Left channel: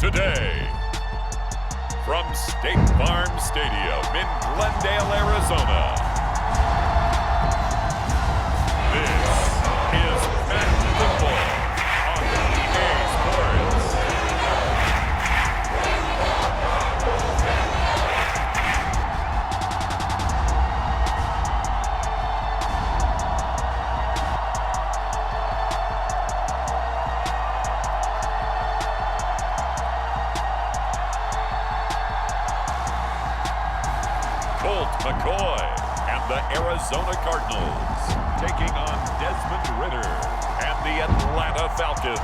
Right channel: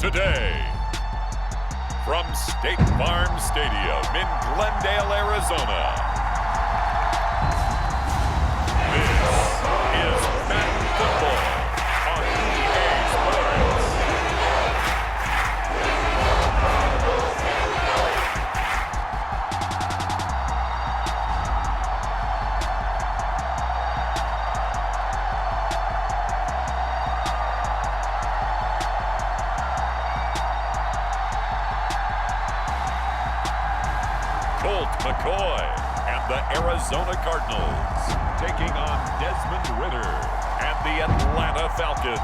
today. From State Farm Stadium in Glendale, Arizona, this is Madden Football on EA Sports. Colt McCoy and the Arizona Cardinals taking on Desmond Ritter and the Atlanta Falcons.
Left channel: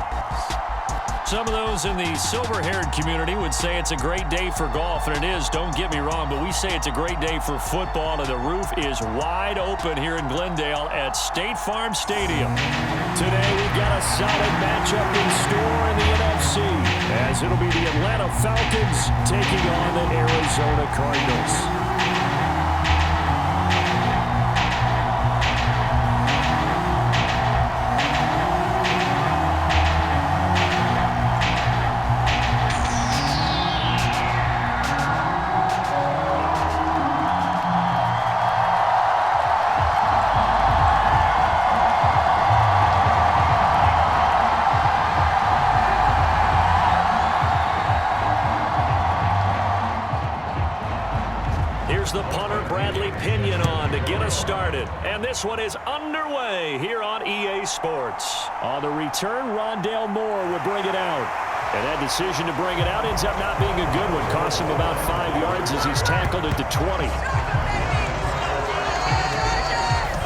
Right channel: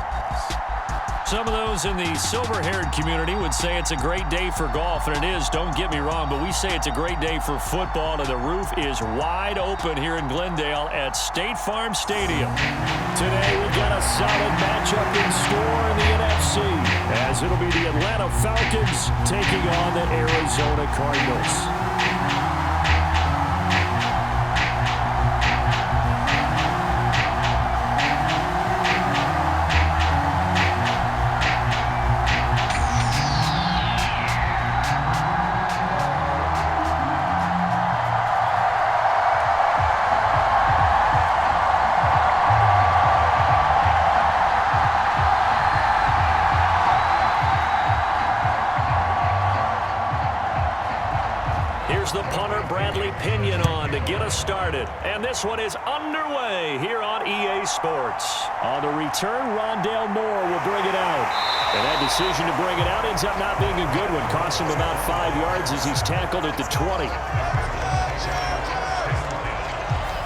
Some of those in the silver-haired community would say it's a great day for golf, and it is, don't get me wrong, but we say it's a great day for football, and the roof is wide open here in Glendale at State Farm Stadium. Today we've got a solid matchup in store in the NFC, as it'll be the Atlanta Falcons taking on the Arizona Cardinals. Here's the punter, Bradley Pinion, on to get us started. And this one is underway here on EA Sports. On the return, Rondale Moore will bring it out. And that decision to bring it out ends up not being a good one. Costs him about 5 yards as he's tackled at the 20.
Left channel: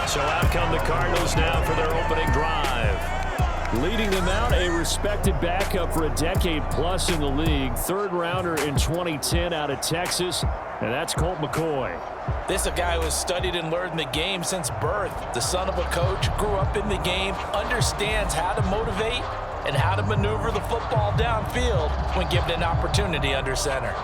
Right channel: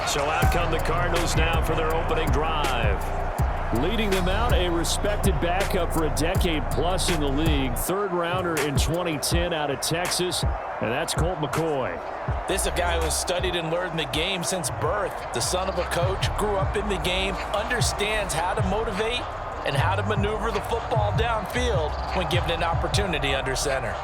So out come the Cardinals now for their opening drive. Leading them out, a respected backup for a decade plus in the league. Third rounder in 2010 out of Texas. And that's Colt McCoy. This is a guy who has studied and learned the game since birth. The son of a coach, grew up in the game, understands how to motivate and how to maneuver the football downfield when given an opportunity under center.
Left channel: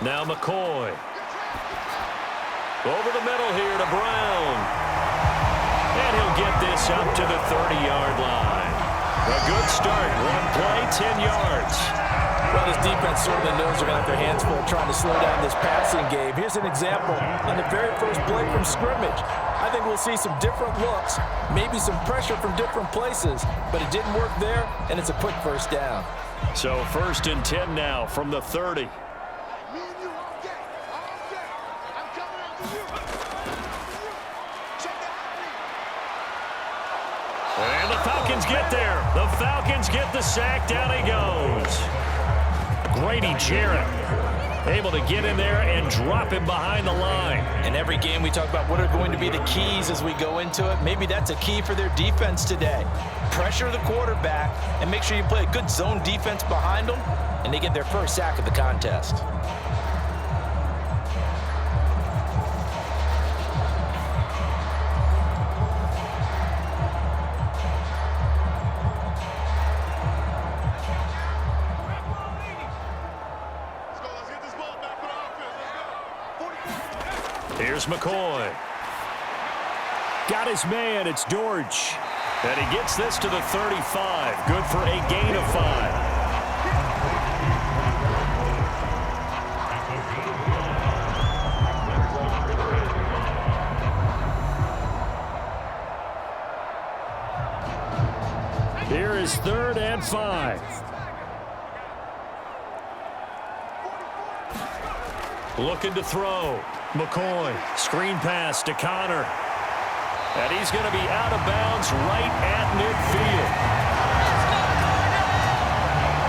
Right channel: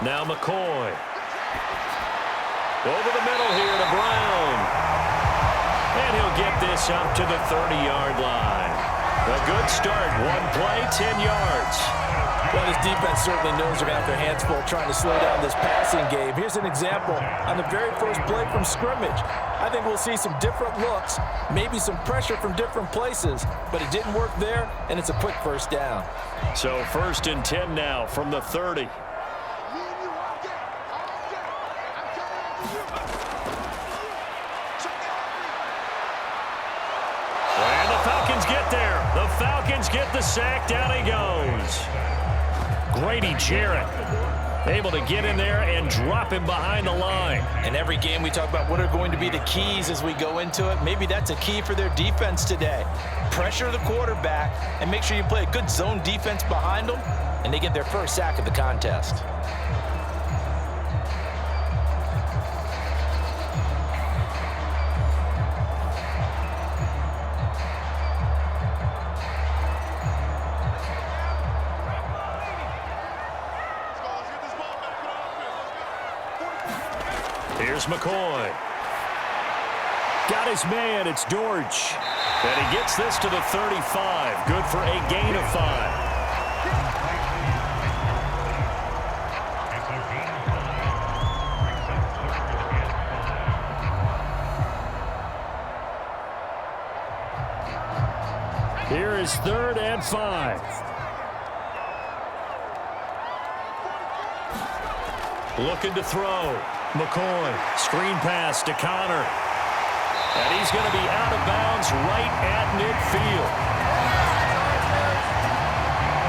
Now McCoy. Over the middle here to Brown. And he'll get this up to the 30-yard line. A good start. One play, 10 yards. Well, this defense certainly knows they're going to have their hands full trying to slow down this passing game. Here's an example on the very first play from scrimmage. I think we'll see some different looks, maybe some pressure from different places, but it didn't work there, and it's a quick first down. So 1st and 10 now from the 30. And the Falcons get there. The Falcons get the sack. Down he goes. Grady Jarrett able to get in there and drop him behind the line. In every game we talk about what are going to be the keys as we go into it. Maybe that's a key for their defense today. Pressure the quarterback and make sure you play a good zone defense behind them, and they get their first sack of the contest. Here's McCoy. Got his man. It's Dortch. And he gets this to the 35. Good for a gain of 5. Here is 3rd and 5. Looking to throw. McCoy, screen pass to Connor. And he's going to be out of bounds right at midfield.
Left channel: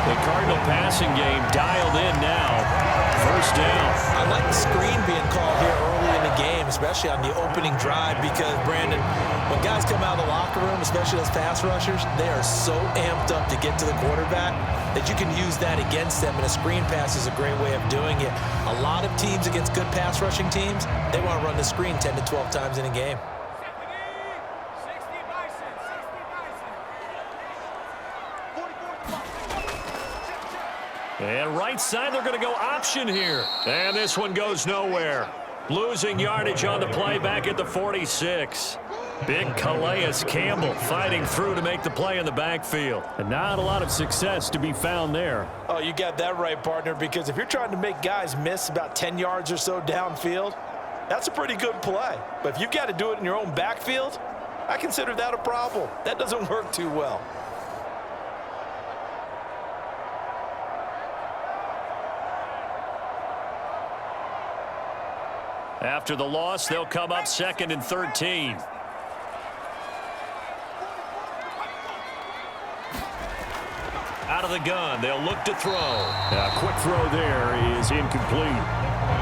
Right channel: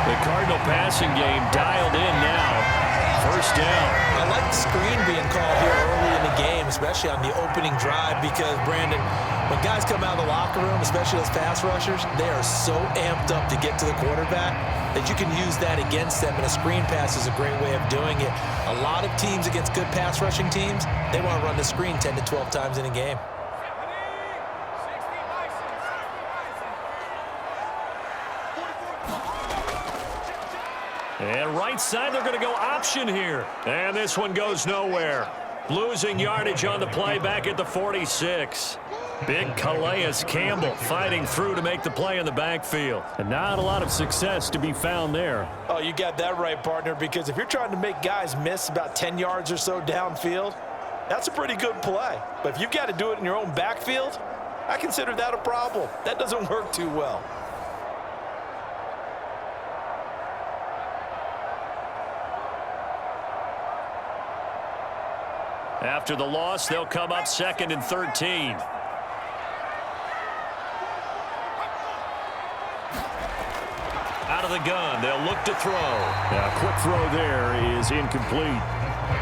The Cardinal passing game dialed in now. First down. I like the screen being called here early in the game, especially on the opening drive, because, Brandon, when guys come out of the locker room, especially those pass rushers, they are so amped up to get to the quarterback that you can use that against them, and a screen pass is a great way of doing it. A lot of teams against good pass rushing teams, they want to run the screen 10 to 12 times in a game. And right side, they're going to go option here. And this one goes nowhere. Losing yardage on the play back at the 46. Big Calais Campbell fighting through to make the play in the backfield. And not a lot of success to be found there. Oh, you got that right, partner, because if you're trying to make guys miss about 10 yards or so downfield, that's a pretty good play. But if you've got to do it in your own backfield, I consider that a problem. That doesn't work too well. After the loss, they'll come up 2nd and 13. Out of the gun, they'll look to throw. A quick throw there is incomplete.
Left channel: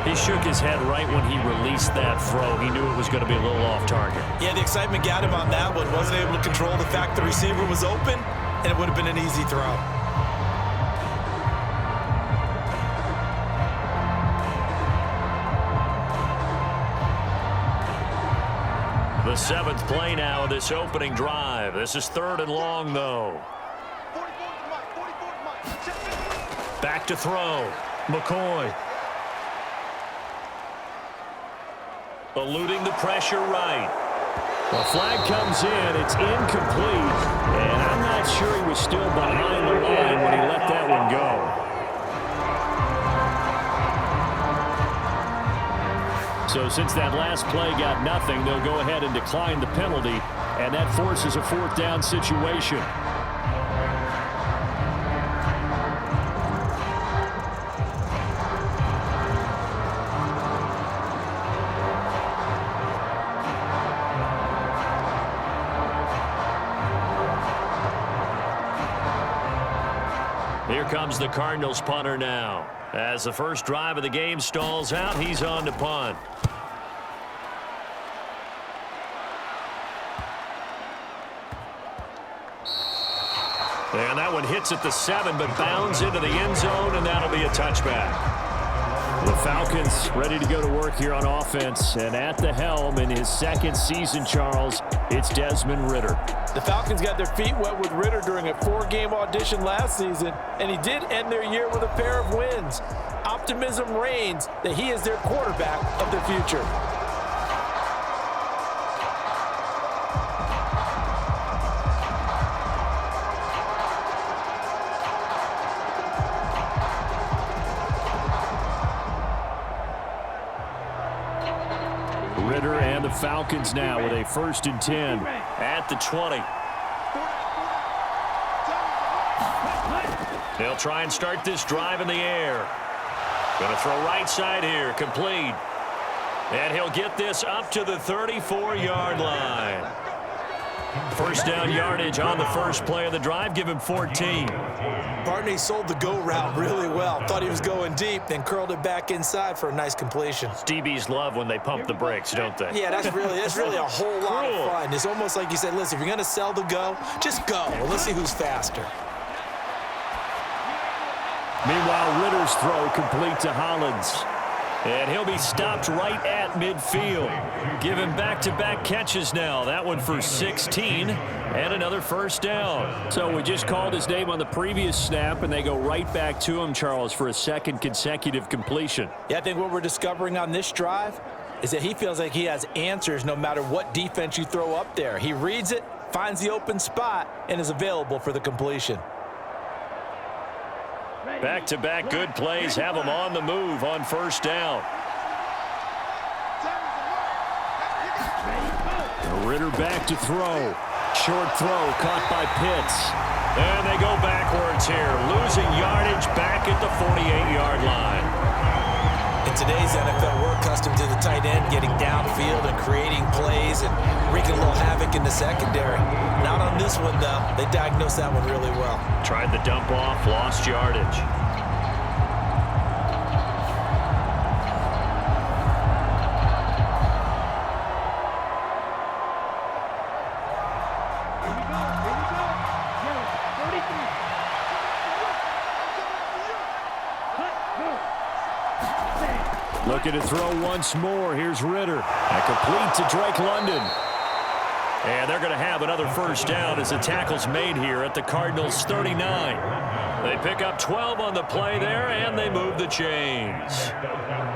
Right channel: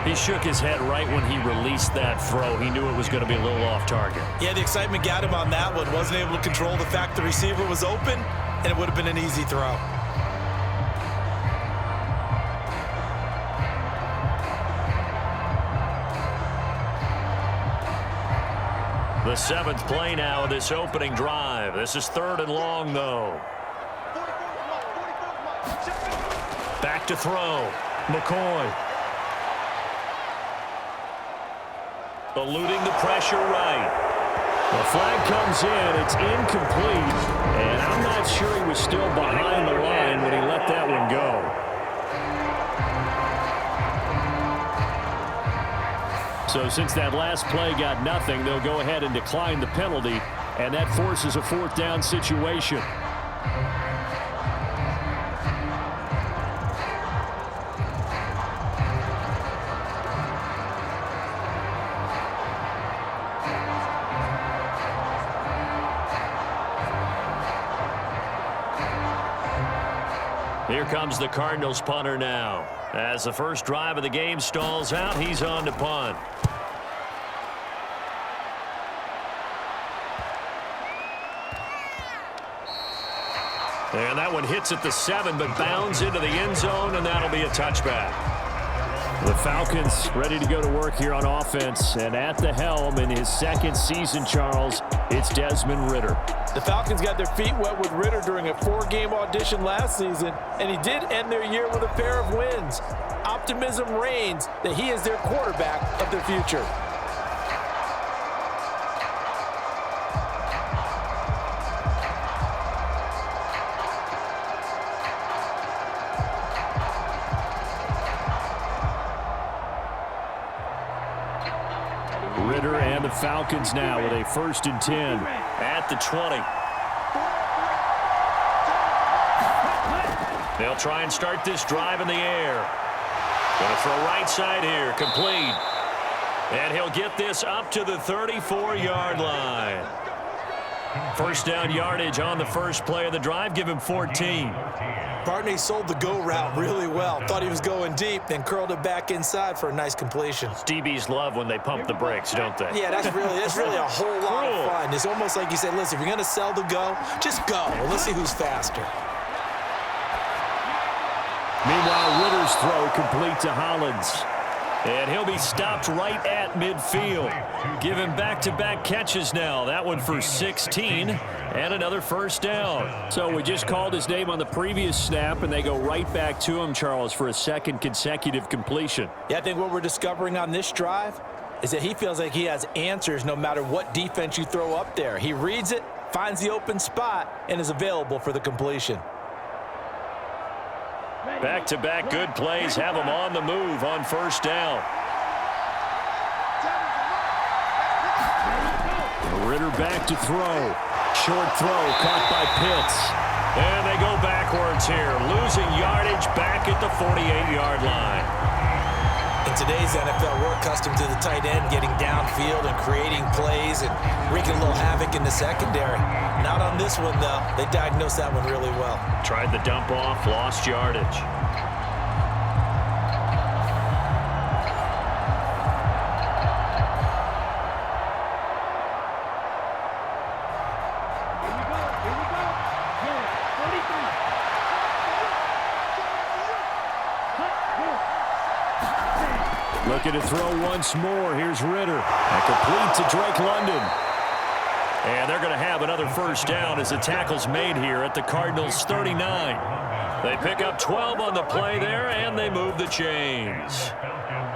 He shook his head right when he released that throw. He knew it was going to be a little off target. Yeah, the excitement got him on that one. Wasn't able to control the fact the receiver was open, and it would have been an easy throw. The 7th play now of this opening drive. This is 3rd and long, though. Back to throw. McCoy. Eluding the pressure right. The flag comes in. It's incomplete. And I'm not sure he was still behind the line when he let that one go. So since that last play got nothing, they'll go ahead and decline the penalty, and that forces a 4th down situation. Here comes the Cardinals punter now. As the first drive of the game stalls out, he's on to punt. And that one hits at the 7, but bounds into the end zone, and that'll be a touchback. The Falcons ready to go to work here on offense, and at the helm in his 2nd season, Charles, it's Desmond Ridder. The Falcons got their feet wet with Ridder during a 4-game audition last season, and he did end their year with a pair of wins. Optimism reigns that he is their quarterback of the future. Ridder and the Falcons now with a 1st and 10. At the 20. They'll try and start this drive in the air. Going to throw right side here, complete. And he'll get this up to the 34-yard line. 1st down yardage on the first play of the drive, give him 14. Partner sold the go route really well. Thought he was going deep, then curled it back inside for a nice completion. DBs love when they pump the brakes, don't they? Yeah, that's really a whole lot of fun. It's almost like you said, listen, if you're going to sell the go, just go. Well, let's see who's faster. Meanwhile, Ridder's throw complete to Hollins. And he'll be stopped right at midfield. Give him back-to-back catches now. That one for 16 and another 1st down. So we just called his name on the previous snap, and they go right back to him, Charles, for a 2nd consecutive completion. Yeah, I think what we're discovering on this drive is that he feels like he has answers no matter what defense you throw up there. He reads it, finds the open spot, and is available for the completion. Back-to-back good plays have him on the move on 1st down. Ridder back to throw. Short throw caught by Pitts. And they go backwards here, losing yardage back at the 48-yard line. In today's NFL, we're accustomed to the tight end getting downfield and creating plays and wreaking a little havoc in the secondary. Not on this one, though. They diagnosed that one really well. Tried the dump off, lost yardage. Looking to throw once more. Here's Ridder. And complete to Drake London. And they're going to have another 1st down as the tackle's made here at the Cardinals' 39. They pick up 12 on the play there, and they move the chains.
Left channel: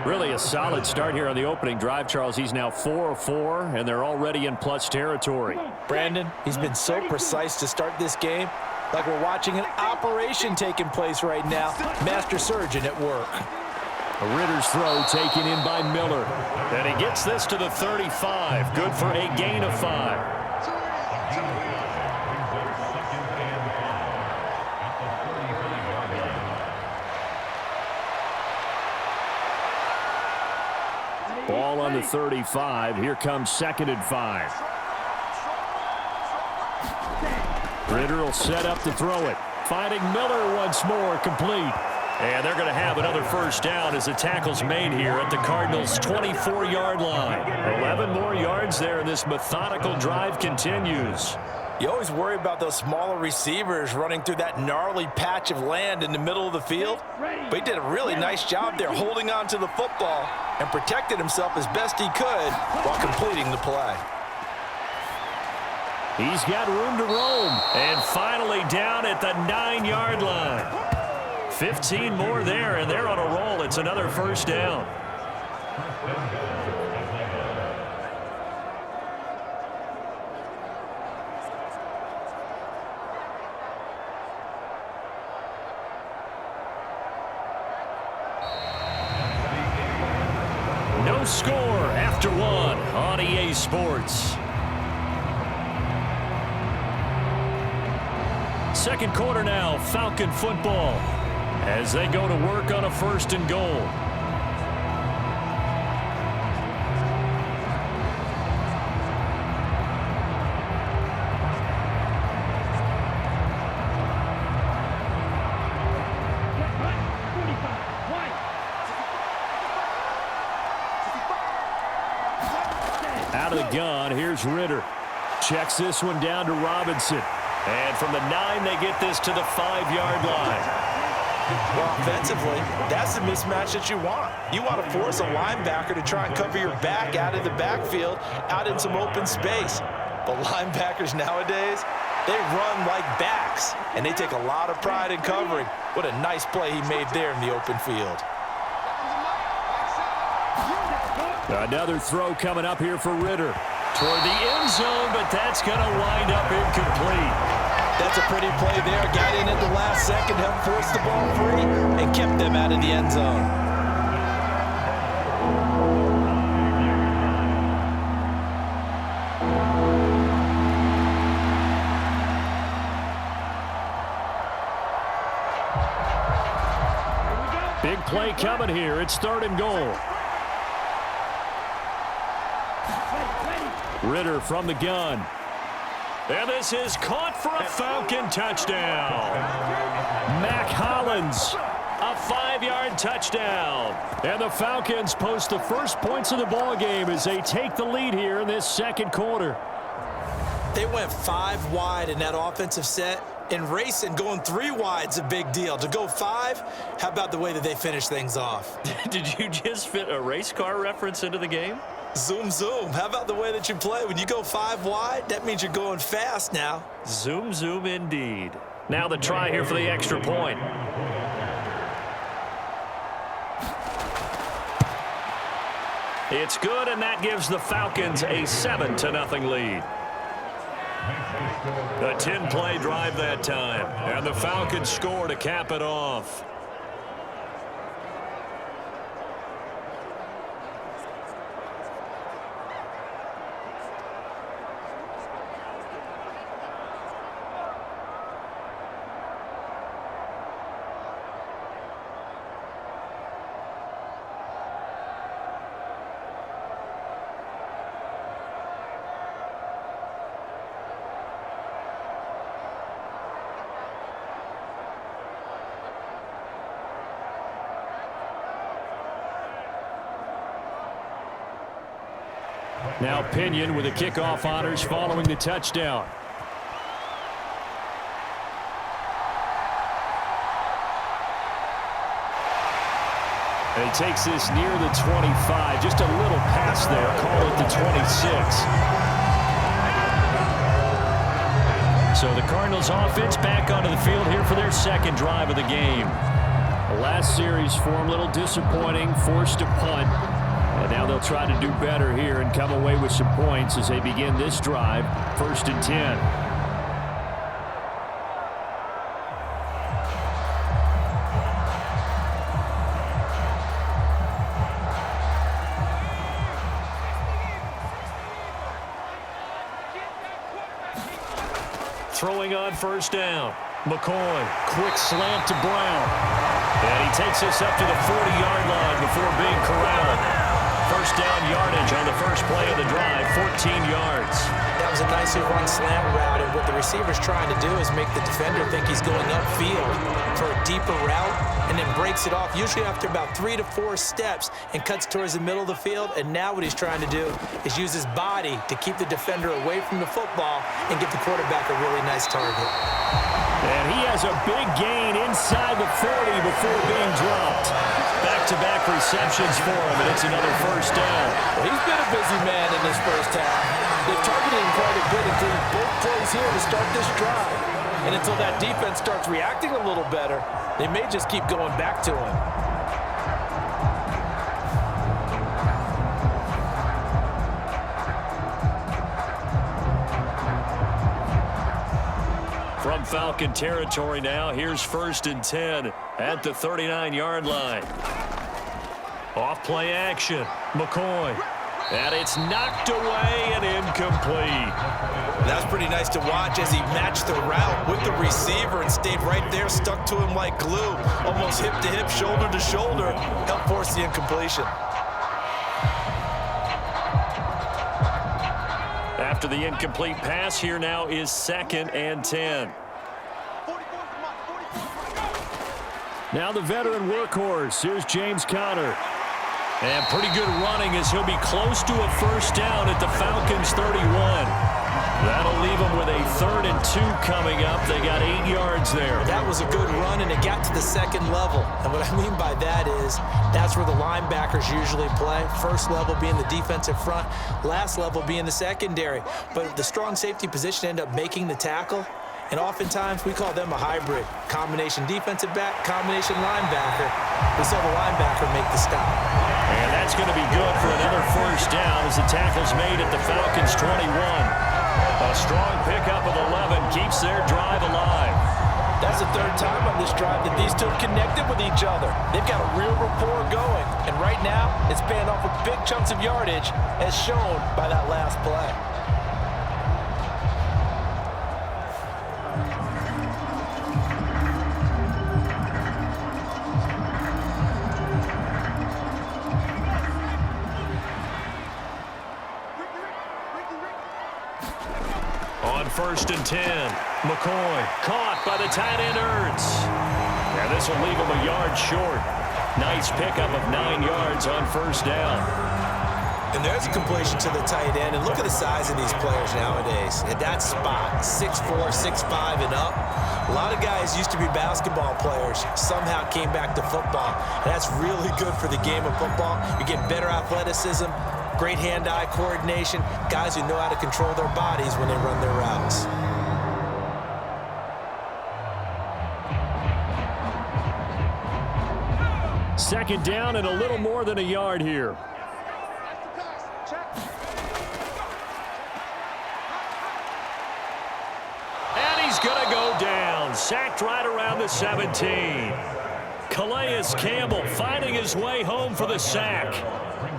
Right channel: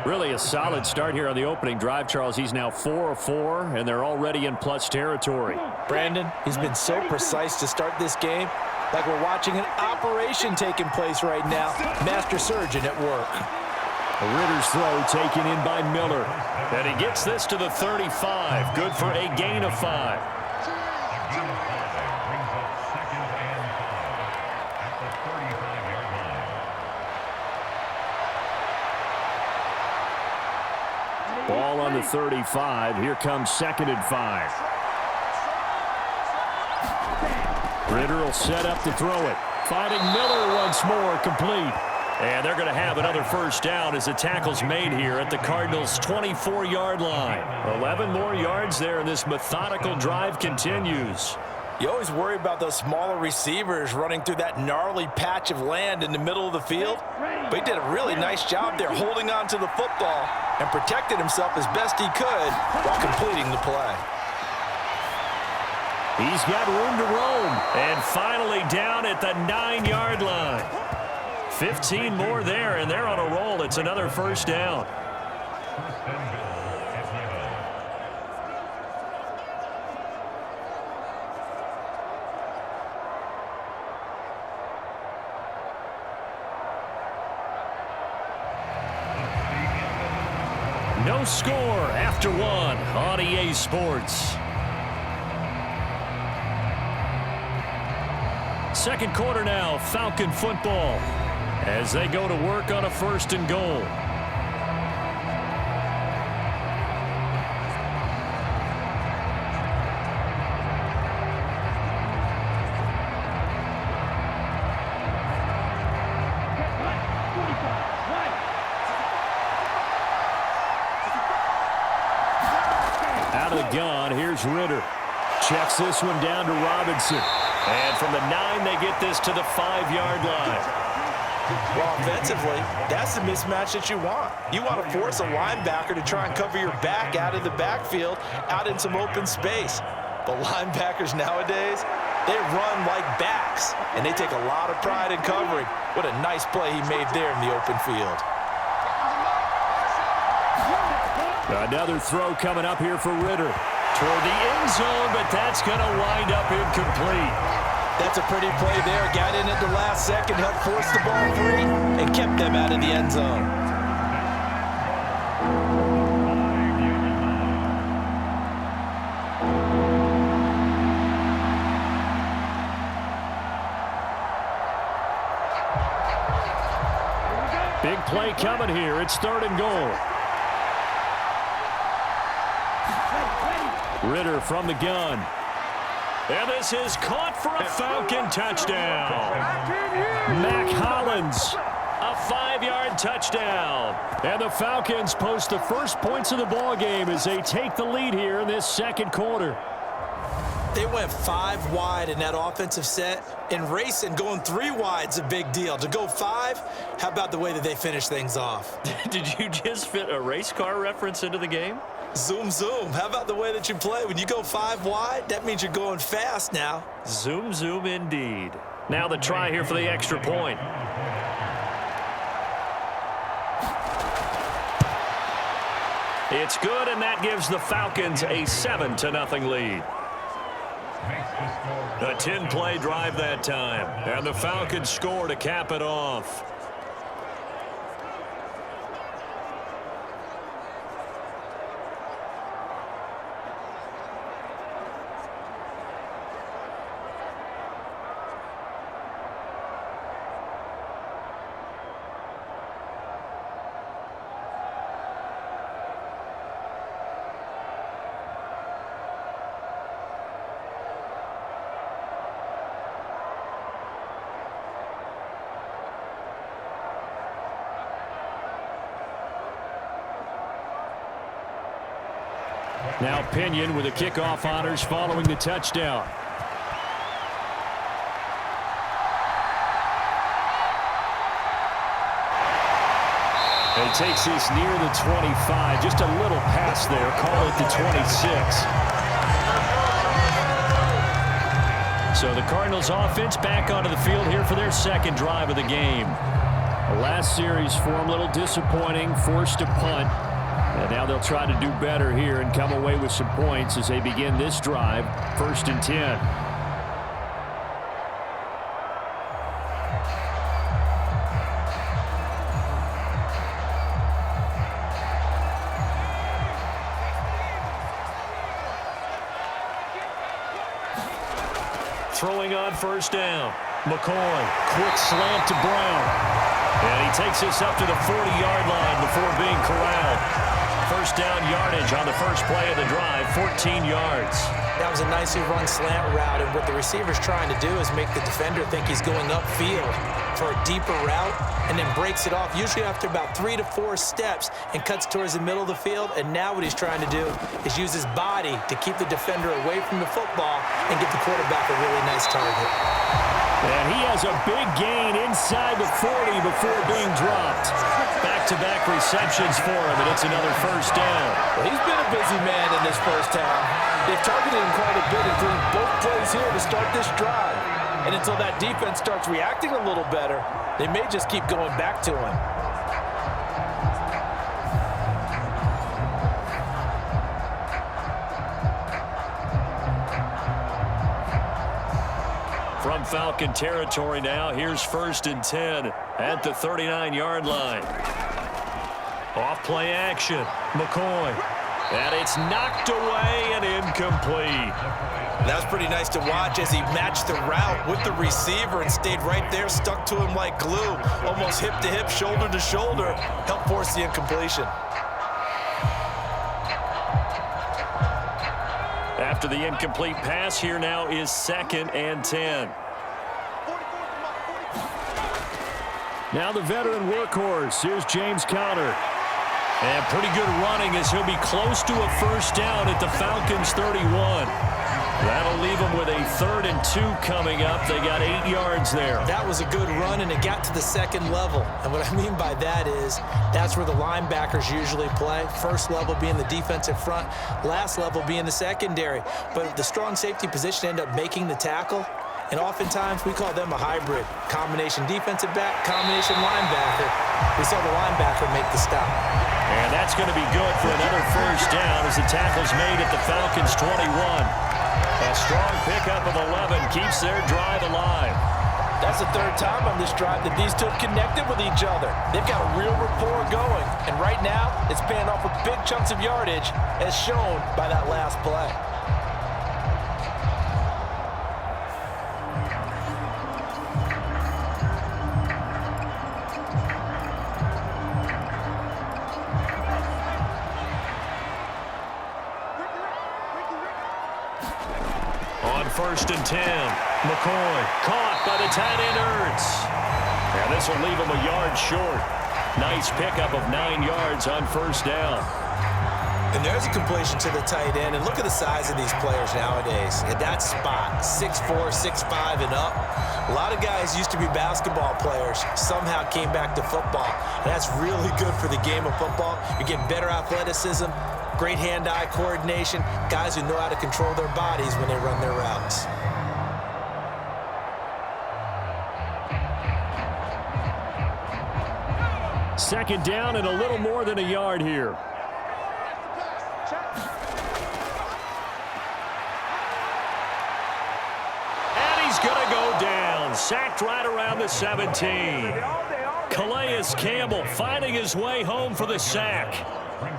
Really a solid start here on the opening drive, Charles. He's now 4 of 4, and they're already in plus territory. Brandon, he's been so precise to start this game, like we're watching an operation taking place right now. Master surgeon at work. Ritter's throw taken in by Miller. And he gets this to the 35. Good for a gain of 5. Ball on the 35. Here comes 2nd and 5. Ritter will set up to throw it. Finding Miller once more, complete. And they're going to have another first down as the tackle's made here at the Cardinals' 24-yard line. 11 more yards there, and this methodical drive continues. You always worry about those smaller receivers running through that gnarly patch of land in the middle of the field. But he did a really nice job there holding on to the football and protected himself as best he could while completing the play. He's got room to roam. And finally down at the 9-yard line. 15 more there, and they're on a roll. It's another first down. No score after 1 on EA Sports. Second quarter now, Falcon football, as they go to work on a 1st and goal. Out of the gun, here's Ritter. Checks this one down to Robinson. And from the 9, they get this to the 5-yard line. Well, offensively, that's the mismatch that you want. You want to force a linebacker to try and cover your back out of the backfield, out in some open space. But linebackers nowadays, they run like backs, and they take a lot of pride in covering. What a nice play he made there in the open field. Another throw coming up here for Ritter. Toward the end zone, but that's going to wind up incomplete. That's a pretty play there. Got in at the last second, helped force the ball free, and kept them out of the end zone. Big play coming here. It's 3rd and goal. Ritter from the gun. And this is caught for a Falcon touchdown. Mac Hollins. A 5-yard touchdown. And the Falcons post the first points of the ball game as they take the lead here in this second quarter. They went 5 wide in that offensive set, and racing going 3 wide's a big deal. To go 5, how about the way that they finish things off? Did you just fit a race car reference into the game? Zoom, zoom. How about the way that you play? When you go 5 wide, that means you're going fast now. Zoom, zoom indeed. Now the try here for the extra point. It's good, and that gives the Falcons a 7-0 lead. A 10-play drive that time, and the Falcons score to cap it off. Now Pinion with the kickoff honors following the touchdown. And he takes this near the 25. Just a little pass there. Call it the 26. So the Cardinals offense back onto the field here for their second drive of the game. The last series for them, a little disappointing, forced to punt. And now they'll try to do better here and come away with some points as they begin this drive, 1st and 10. Throwing on 1st down. McCoy, quick slant to Brown. And he takes this up to the 40-yard line before being corralled. 1st down yardage on the first play of the drive, 14 yards. That was a nicely run slant route, and what the receiver's trying to do is make the defender think he's going upfield for a deeper route, and then breaks it off, usually after about 3 to 4 steps, and cuts towards the middle of the field. And now what he's trying to do is use his body to keep the defender away from the football and give the quarterback a really nice target. And he has a big gain inside the 40 before being dropped. Back-to-back receptions for him, and it's another 1st down. Well, he's been a busy man in this first half. They've targeted him quite a bit, including both plays here to start this drive. And until that defense starts reacting a little better, they may just keep going back to him. From Falcon territory now, here's 1st and 10 at the 39-yard line. Off play action, McCoy. And it's knocked away and incomplete. That was pretty nice to watch as he matched the route with the receiver and stayed right there, stuck to him like glue, almost hip to hip, shoulder to shoulder, helped force the incompletion. After the incomplete pass, here now is 2nd and 10. Now the veteran workhorse. Here's James Conner. And pretty good running as he'll be close to a 1st down at the Falcons' 31. That'll leave them with a 3rd and 2 coming up. They got 8 yards there. That was a good run, and it got to the 2nd level. And what I mean by that is that's where the linebackers usually play. First level being the defensive front, last level being the secondary. But the strong safety position ended up making the tackle. And oftentimes we call them a hybrid. Combination defensive back, combination linebacker. We saw the linebacker make the stop. And that's going to be good for another 1st down as the tackle's made at the Falcons' 21. A strong pickup of 11 keeps their drive alive. That's the 3rd time on this drive that these two have connected with each other. They've got a real rapport going. And right now, it's paying off with big chunks of yardage, as shown by that last play. On 1st and 10, McCoy caught by the tight end Ertz. And this will leave him a yard short. Nice pickup of 9 yards on 1st down. And there's a completion to the tight end. And look at the size of these players nowadays. At that spot, 6'4", 6'5", and up. A lot of guys used to be basketball players, somehow came back to football. And that's really good for the game of football. You're getting better athleticism, great hand-eye coordination, guys who know how to control their bodies when they run their routes. Second down and a little more than a yard here. And he's going to go down. Sacked right around the 17. Calais Campbell finding his way home for the sack.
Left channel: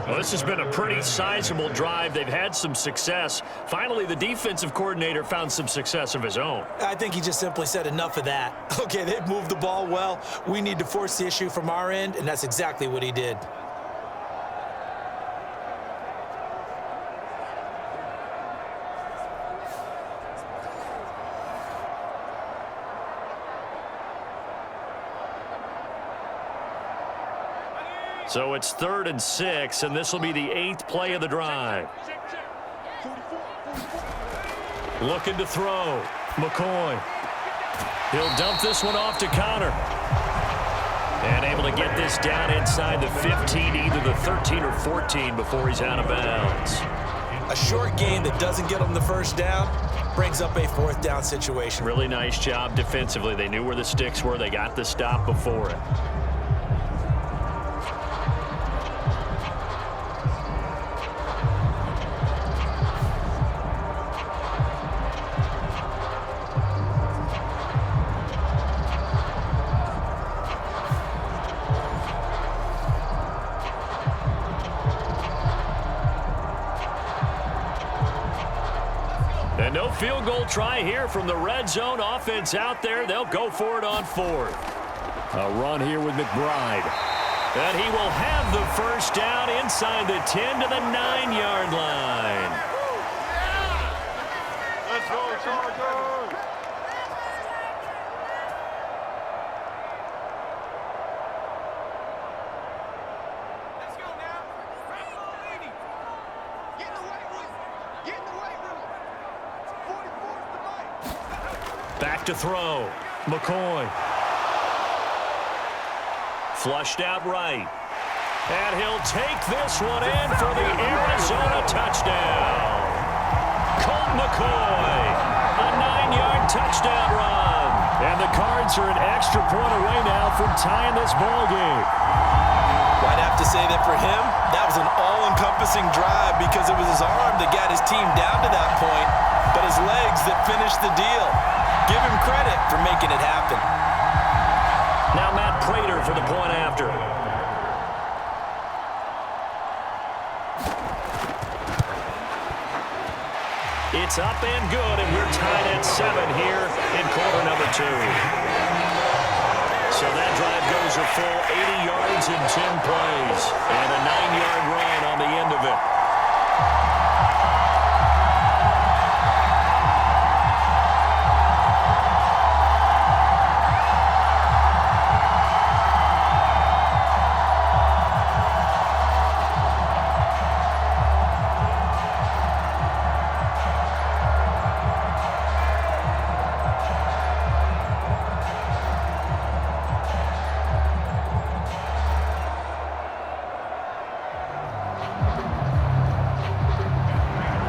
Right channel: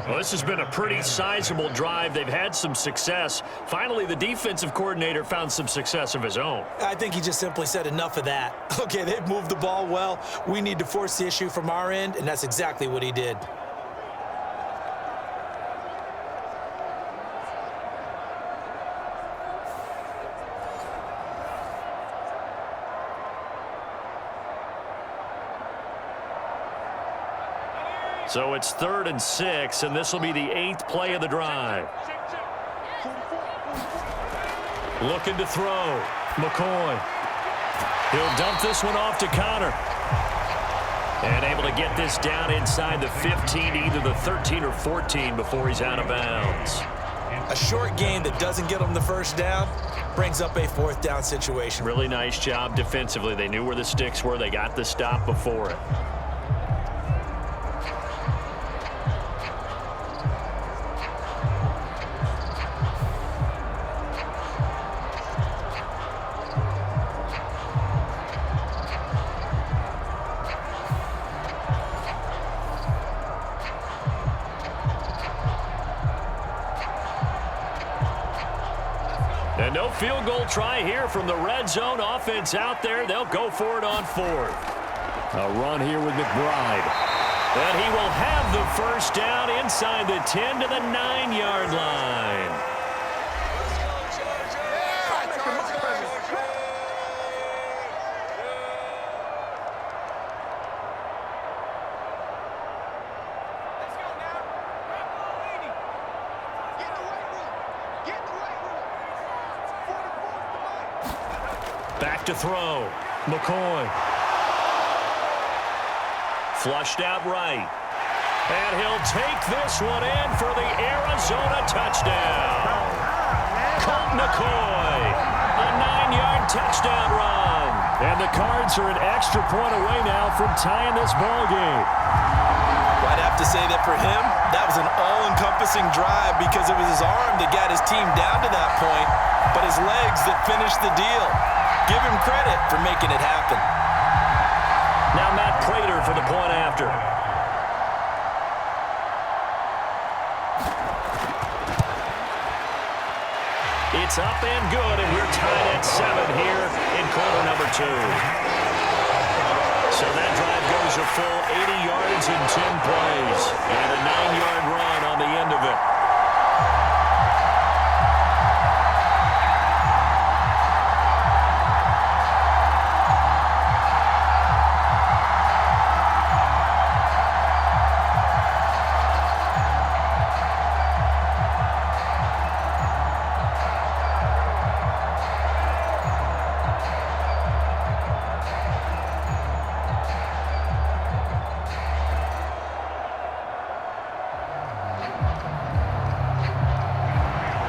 Well, this has been a pretty sizable drive. They've had some success. Finally, the defensive coordinator found some success of his own. I think he just simply said enough of that. Okay, they've moved the ball well. We need to force the issue from our end, and that's exactly what he did. So it's 3rd and 6, and this will be the 8th play of the drive. Looking to throw. McCoy. He'll dump this one off to Conner. And able to get this down inside the 15, either the 13 or 14 before he's out of bounds. A short gain that doesn't get them the first down brings up a fourth down situation. Really nice job defensively. They knew where the sticks were. They got the stop before it. And no field goal try here from the red zone offense out there. They'll go for it on fourth. A run here with McBride. And he will have the first down inside the 10 to the 9-yard line. Back to throw. McCoy. Flushed out right. And he'll take this one in for the Arizona touchdown. Colt McCoy. A 9-yard touchdown run. And the Cards are an extra point away now from tying this ball game. Well, I'd have to say that for him, that was an all-encompassing drive because it was his arm that got his team down to that point, but his legs that finished the deal. Give him credit for making it happen. Now Matt Prater for the point after. It's up and good, and we're tied at 7 here in quarter number 2. So that drive goes a full 80 yards in 10 plays, and a 9-yard run on the end of it.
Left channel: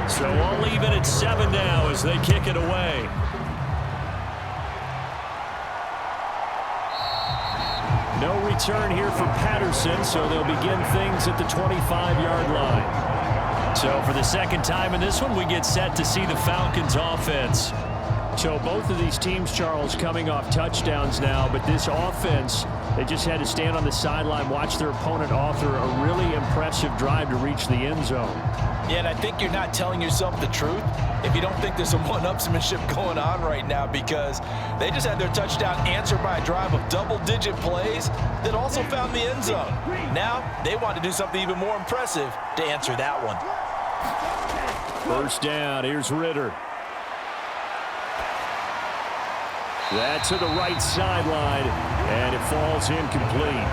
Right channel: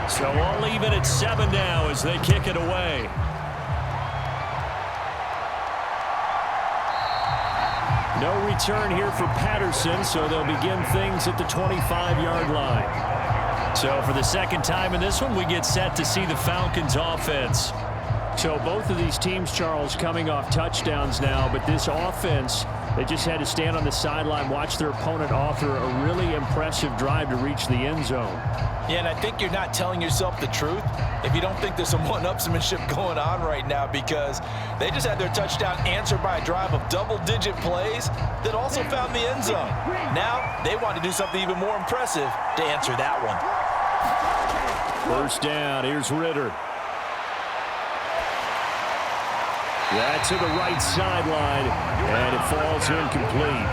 So all even at 7 now as they kick it away. No return here for Patterson, so they'll begin things at the 25-yard line. So for the second time in this one, we get set to see the Falcons offense. So both of these teams, Charles, coming off touchdowns now, but this offense, they just had to stand on the sideline, watch their opponent author a really impressive drive to reach the end zone. Yeah, and I think you're not telling yourself the truth if you don't think there's some one-upsmanship going on right now, because they just had their touchdown answered by a drive of double-digit plays that also found the end zone. Now they want to do something even more impressive to answer that one. First down, here's Ritter. That to the right sideline, and it falls incomplete.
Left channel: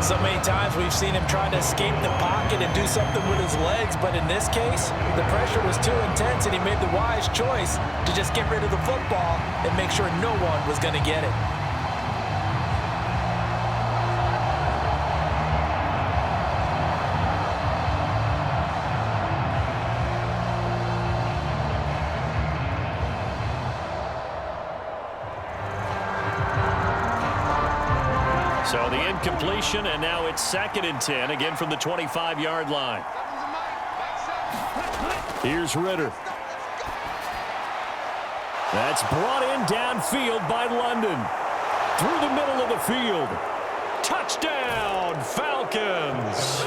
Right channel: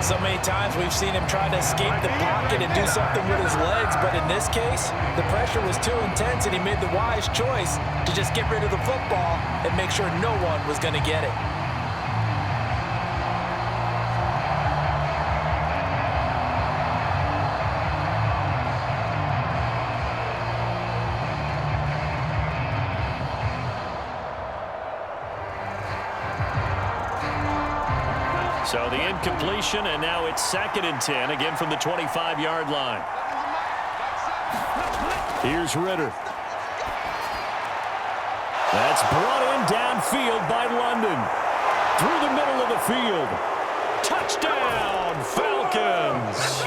So many times we've seen him try to escape the pocket and do something with his legs, but in this case, the pressure was too intense and he made the wise choice to just get rid of the football and make sure no one was going to get it. So the incompletion, and now it's 2nd and 10, again from the 25-yard line. Here's Ritter. That's brought in downfield by London. Through the middle of the field. Touchdown, Falcons!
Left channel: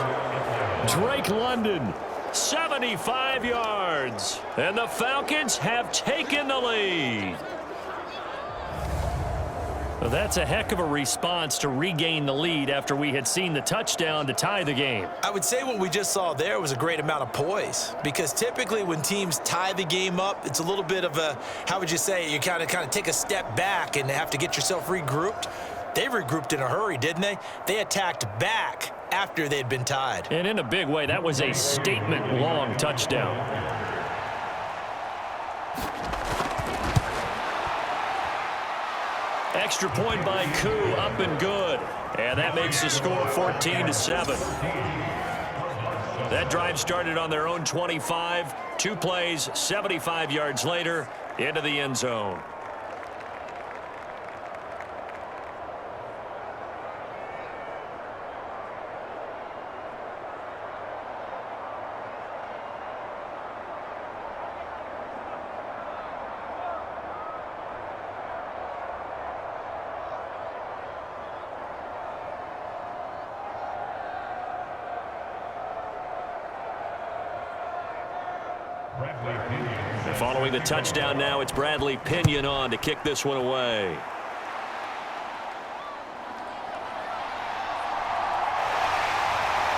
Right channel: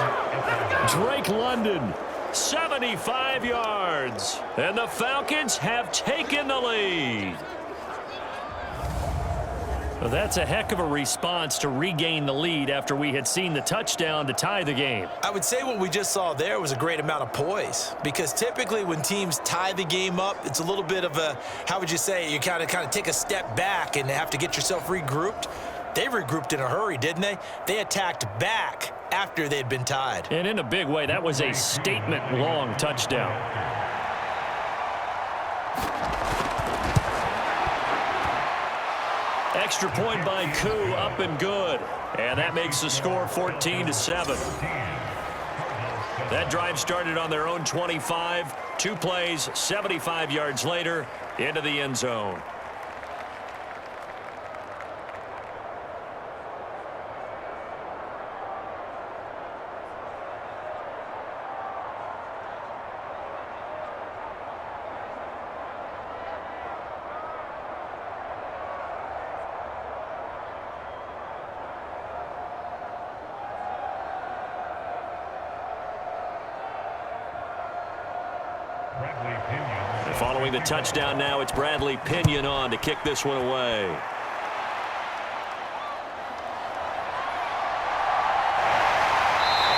Drake London, 75 yards. And the Falcons have taken the lead. Well, that's a heck of a response to regain the lead after we had seen the touchdown to tie the game. I would say what we just saw there was a great amount of poise, because typically when teams tie the game up, it's a little bit of a, how would you say, you kind of take a step back and have to get yourself regrouped. They regrouped in a hurry, didn't they? They attacked back after they'd been tied. And in a big way, that was a statement-long touchdown. Extra point by Koo, up and good. And that makes the score 14-7. That drive started on their own 25. 2 plays, 75 yards later, into the end zone. And following the touchdown now, it's Bradley Pinion on to kick this one away.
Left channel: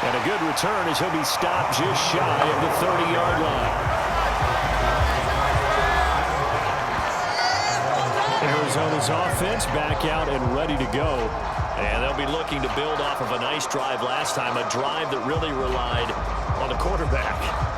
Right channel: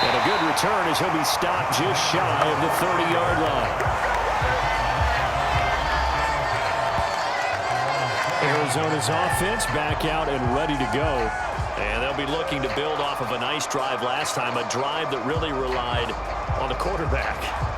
And a good return as he'll be stopped just shy of the 30-yard line. Arizona's offense back out and ready to go. And they'll be looking to build off of a nice drive last time, a drive that really relied on the quarterback.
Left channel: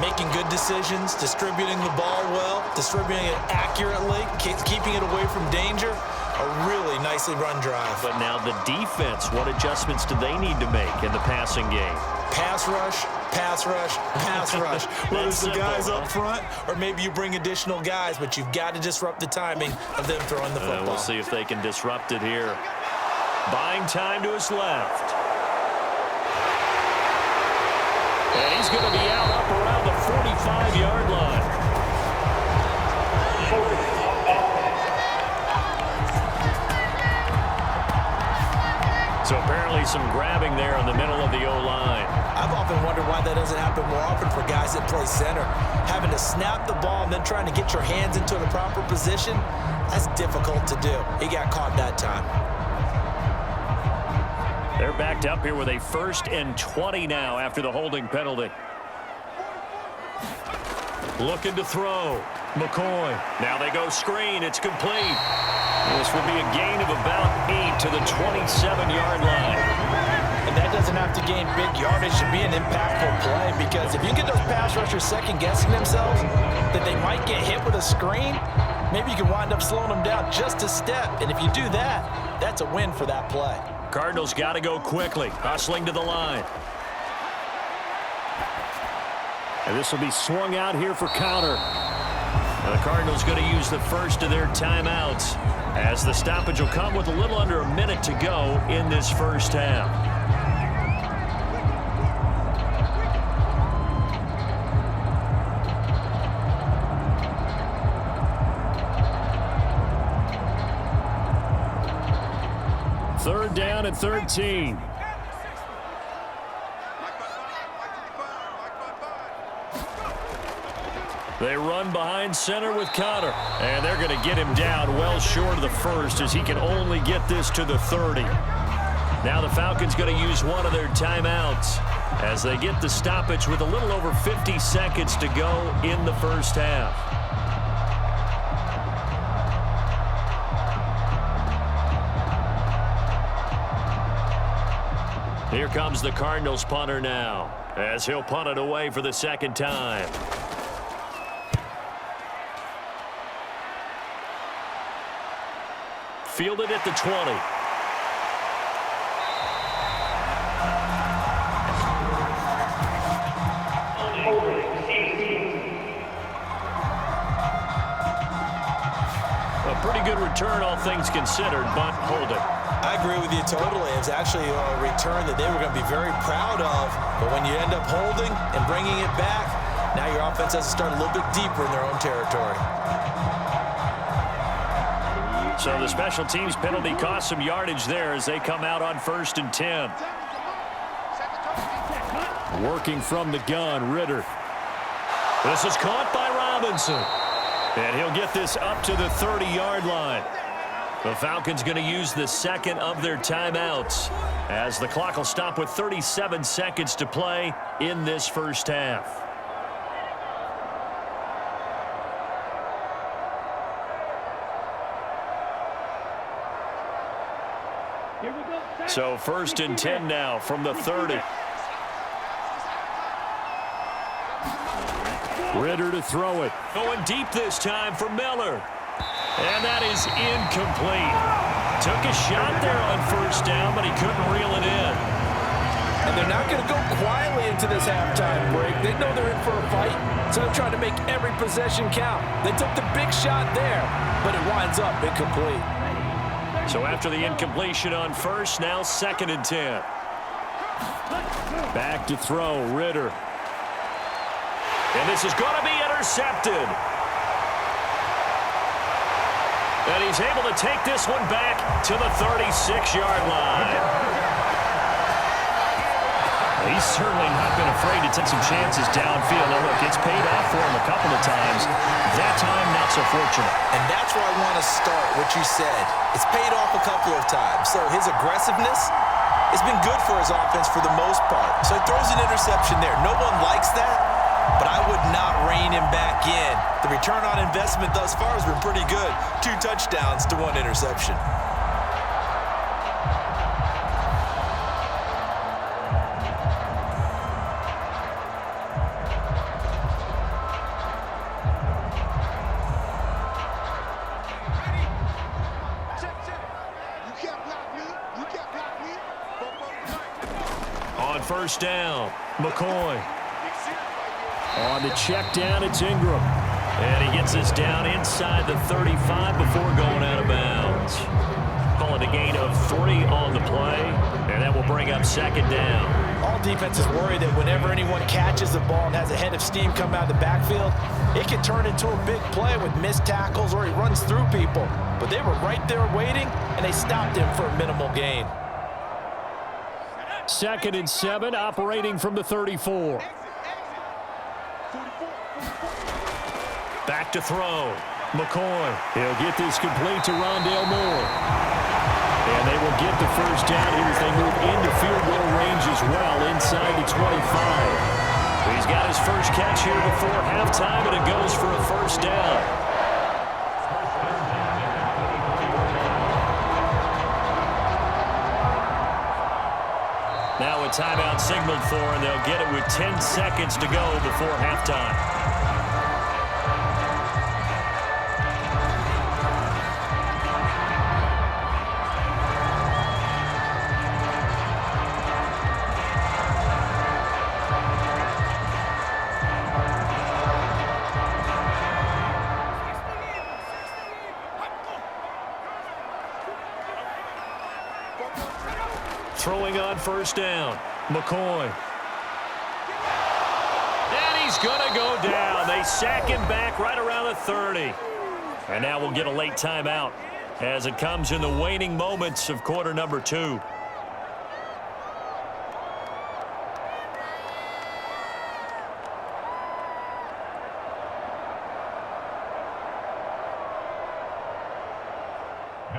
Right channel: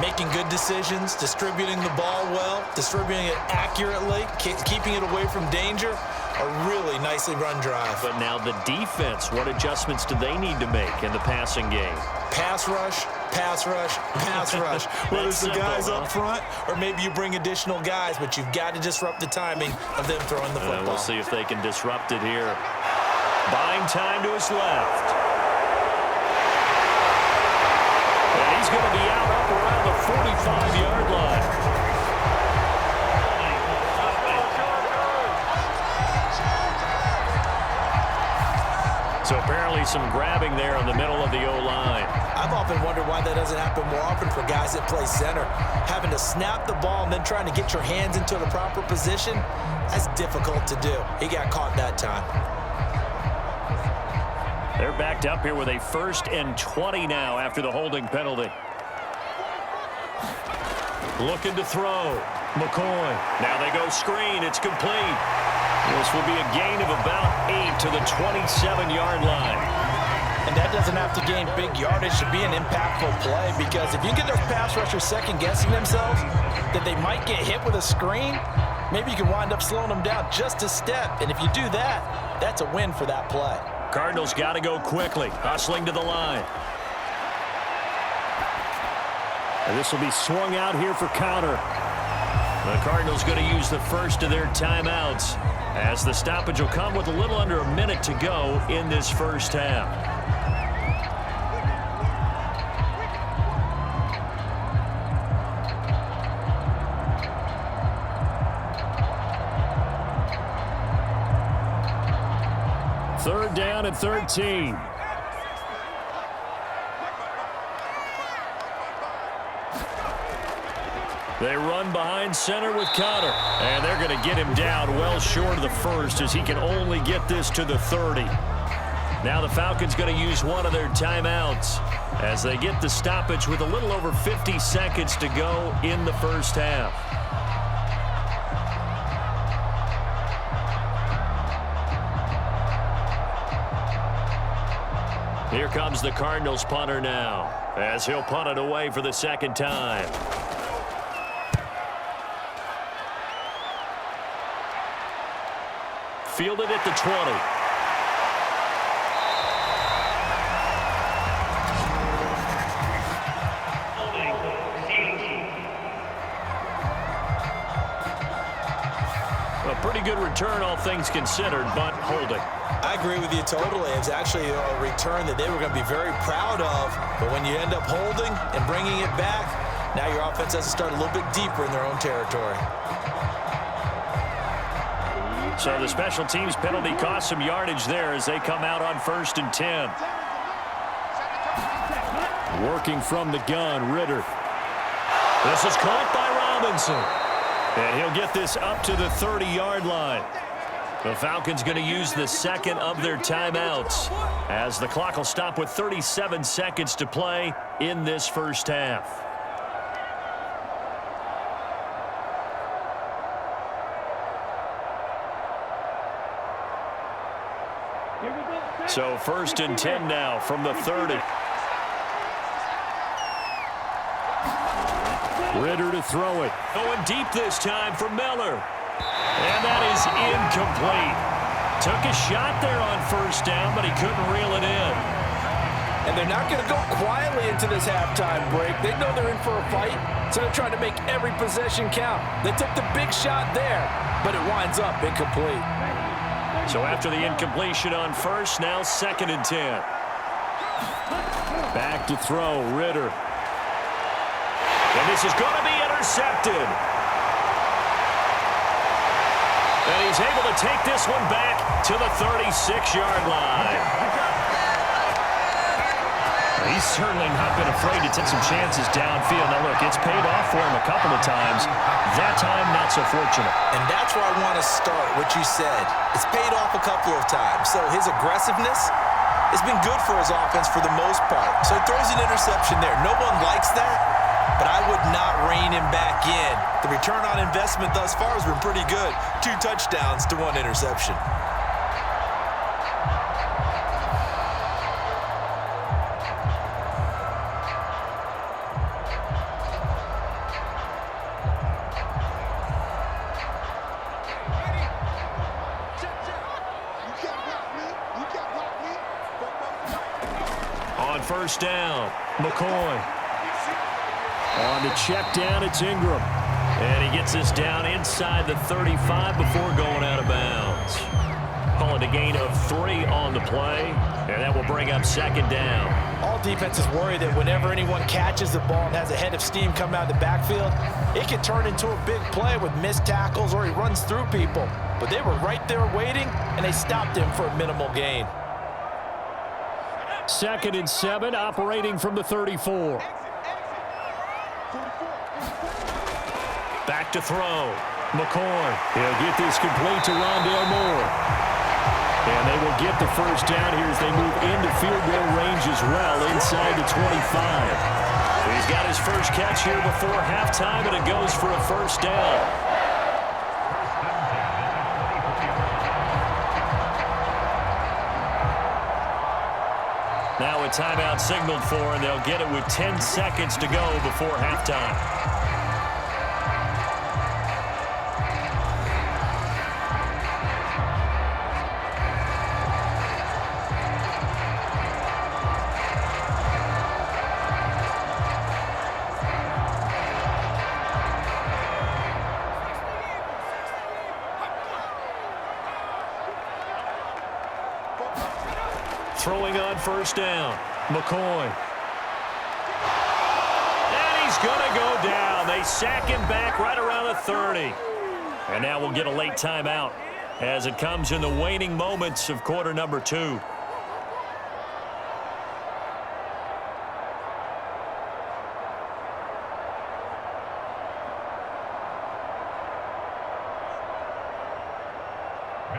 Making good decisions, distributing the ball well, distributing it accurately, keeping it away from danger. A really nicely run drive. But now the defense, what adjustments do they need to make in the passing game? Pass rush, pass rush, pass rush. Whether it's the guys up front or maybe you bring additional guys, but you've got to disrupt the timing of them throwing the football. We'll see if they can disrupt it here. Buying time to his left. And he's going to be out up around the 45-yard line. So apparently some grabbing there in the middle of the O-line. I've often wondered why that doesn't happen more often for guys that play center. Having to snap the ball and then trying to get your hands into the proper position, that's difficult to do. He got caught that time. They're backed up here with a 1st and 20 now after the holding penalty. Looking to throw. McCoy. Now they go screen. It's complete. This will be a gain of about 8 to the 27-yard line. And that doesn't have to gain big yardage to be an impactful play, because if you get those pass rushers second-guessing themselves that they might get hit with a screen, maybe you can wind up slowing them down just a step. And if you do that, that's a win for that play. Cardinals got to go quickly, hustling to the line. And this will be swung out here for counter. The Cardinals going to use the first of their timeouts, as the stoppage will come with a little under a minute to go in this first half. Third down and 13. They run behind center with Connor, and they're going to get him down well short of the first, as he can only get this to the 30. Now the Falcons going to use one of their timeouts as they get the stoppage with a little over 50 seconds to go in the first half. Here comes the Cardinals punter now, as he'll punt it away for the second time. Fielded at the 20. A pretty good return, all things considered, but holding. I agree with you totally. It's actually a return that they were going to be very proud of. But when you end up holding and bringing it back, now your offense has to start a little bit deeper in their own territory. So the special teams penalty cost some yardage there as they come out on 1st and 10. Working from the gun, Ritter. This is caught by Robinson. And he'll get this up to the 30-yard line. The Falcons going to use the second of their timeouts, as the clock will stop with 37 seconds to play in this first half. So 1st and 10 now from the 30. Ritter to throw it. Going deep this time for Miller. And that is incomplete. Took a shot there on 1st down, but he couldn't reel it in. And they're not going to go quietly into this halftime break. They know they're in for a fight, so they're trying to make every possession count. They took the big shot there, but it winds up incomplete. So after the incompletion on first, now 2nd and 10. Back to throw, Ritter. And this is going to be intercepted. And he's able to take this one back to the 36-yard line. He's certainly not been afraid to take some chances downfield. Now, look, it's paid off for him a couple of times. That time, not so fortunate. And that's where I want to start, what you said. It's paid off a couple of times. So his aggressiveness has been good for his offense for the most part. So he throws an interception there. No one likes that, but I would not rein him back in. The return on investment thus far has been pretty good. 2 touchdowns to 1 interception. On first down, McCoy. On the check down, it's Ingram. And he gets this down inside the 35 before going out of bounds. Call it a gain of 3 on the play, and that will bring up 2nd down. All defenses worry that whenever anyone catches the ball and has a head of steam come out of the backfield, it can turn into a big play with missed tackles or he runs through people. But they were right there waiting, and they stopped him for a minimal gain. 2nd and 7, operating from the 34. Back to throw. McCoy. He'll get this complete to Rondale Moore. And they will get the first down here as they move into field goal range as well inside the 25. He's got his first catch here before halftime, and it goes for a first down. Now a timeout signaled for, and they'll get it with 10 seconds to go before halftime. Throwing on first down, McCoy. And he's going to go down. They sack him back right around the 30. And now we'll get a late timeout as it comes in the waning moments of quarter number 2.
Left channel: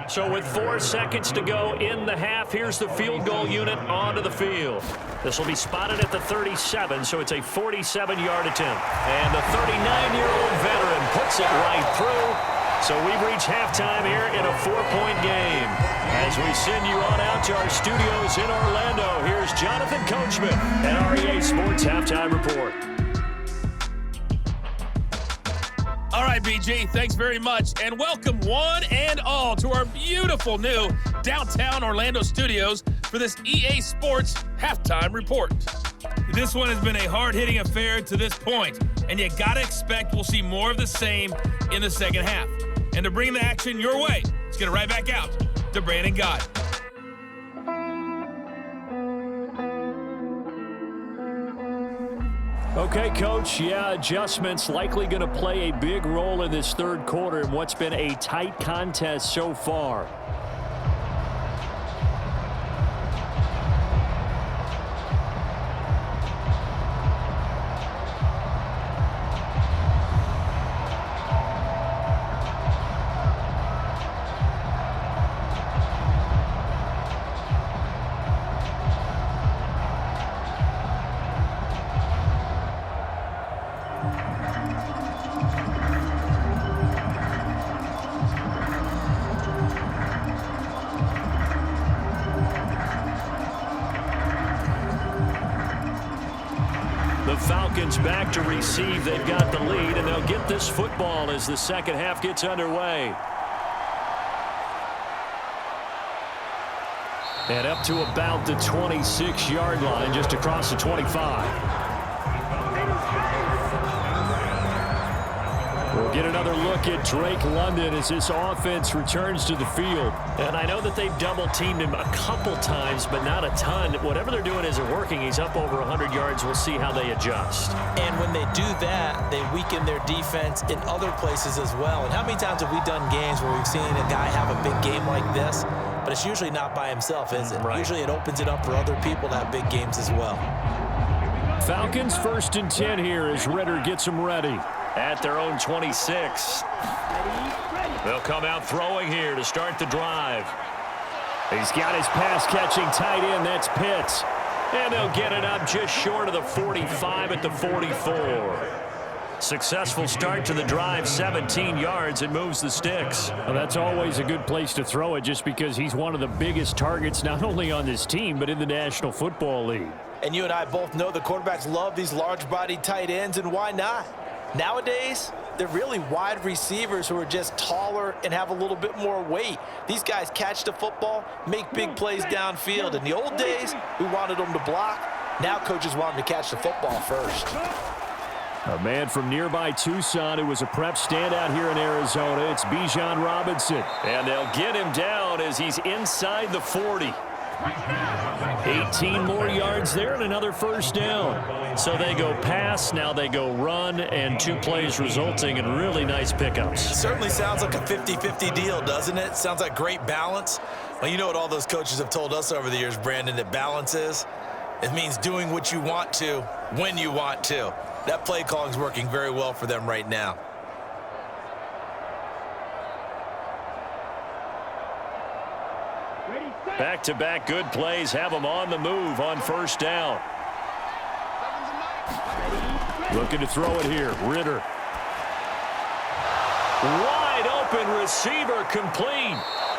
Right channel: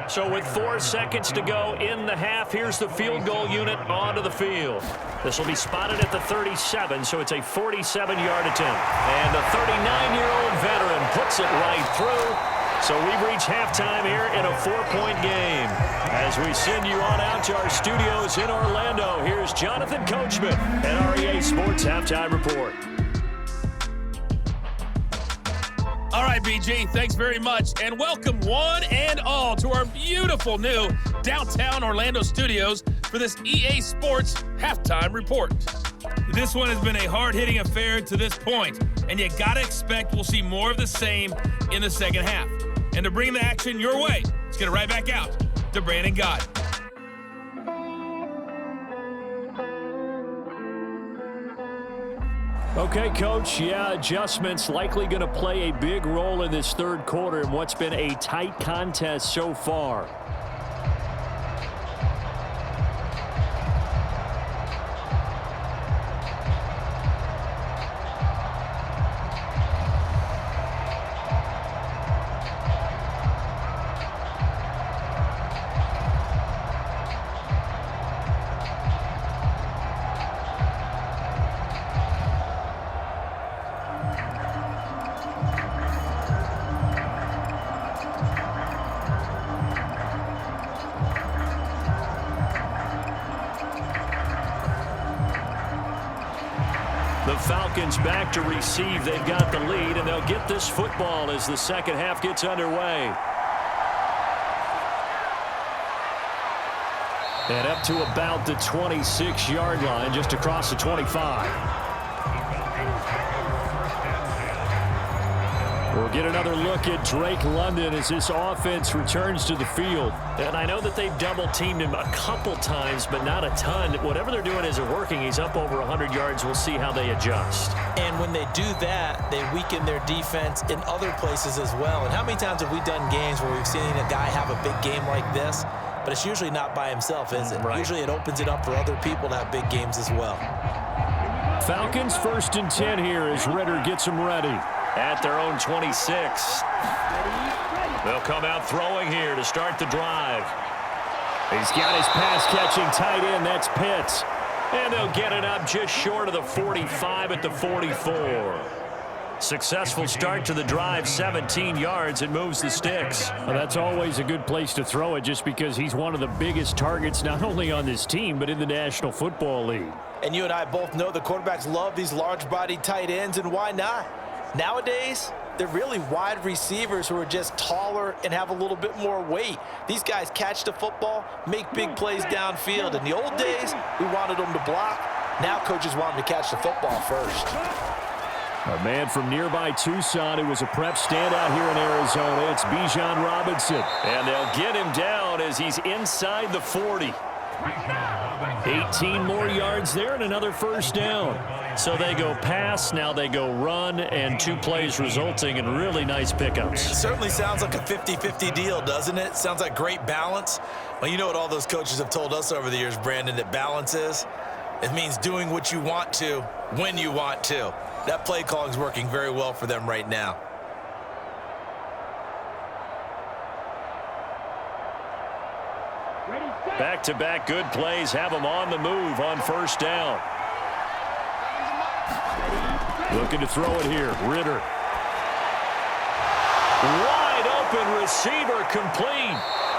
So with 4 seconds to go in the half, here's the field goal unit onto the field. This will be spotted at the 37, so it's a 47-yard attempt. And the 39-year-old veteran puts it right through. So we've reached halftime here in a 4-point game. As we send you on out to our studios in Orlando, here's Jonathan Coachman at REA Sports Halftime Report. All right, BG, thanks very much, and welcome one and all to our beautiful new downtown Orlando studios for this EA Sports Halftime Report. This one has been a hard-hitting affair to this point, and you gotta expect we'll see more of the same in the second half. And to bring the action your way, let's get it right back out to Brandon Gott. Okay, Coach, adjustments likely going to play a big role in this third quarter in what's been a tight contest so far. The Falcons back to receive. They've got the lead, and they'll get this football as the second half gets underway. And up to about the 26-yard line, just across the 25. We'll get another look at Drake London as this offense returns to the field. And I know that they've double-teamed him a couple times, but not a ton. Whatever they're doing isn't working. He's up over 100 yards. We'll see how they adjust. And when they do that, they weaken their defense in other places as well. And how many times have we done games where we've seen a guy have a big game like this, but it's usually not by himself, is it? Right. Usually it opens it up for other people to have big games as well. Falcons 1st and 10 here as Ritter gets them ready. At their own 26. They'll come out throwing here to start the drive. He's got his pass-catching tight end. That's Pitts. And they'll get it up just short of the 45 at the 44. Successful start to the drive, 17 yards. It moves the sticks. Well, that's always a good place to throw it just because he's one of the biggest targets not only on this team but in the National Football League. And you and I both know the quarterbacks love these large-bodied tight ends, and why not? Nowadays, they're really wide receivers who are just taller and have a little bit more weight. These guys catch the football, make big plays downfield. In the old days, we wanted them to block. Now coaches want them to catch the football first. A man from nearby Tucson who was a prep standout here in Arizona. It's Bijan Robinson. And they'll get him down as he's inside the 40. 18 more yards there and another first down. So they go pass, now they go run, and 2 plays resulting in really nice pickups. Certainly sounds like a 50-50 deal, doesn't it? Sounds like great balance. Well, you know what all those coaches have told us over the years, Brandon, that balance is? It means doing what you want to, when you want to. That play calling is working very well for them right now. Back-to-back good plays have them on the move on first down. Looking to throw it here. Ritter. Wide open receiver complete.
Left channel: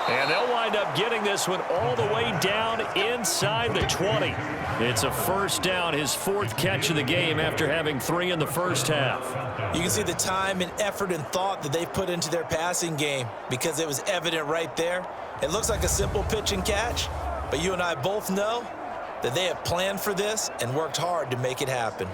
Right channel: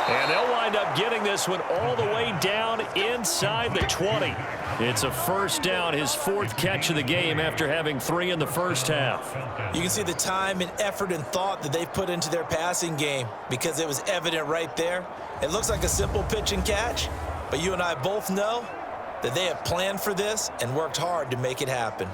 And they'll wind up getting this one all the way down inside the 20. It's a first down, his 4th catch of the game after having 3 in the first half. You can see the time and effort and thought that they've put into their passing game because it was evident right there. It looks like a simple pitch and catch, but you and I both know that they have planned for this and worked hard to make it happen.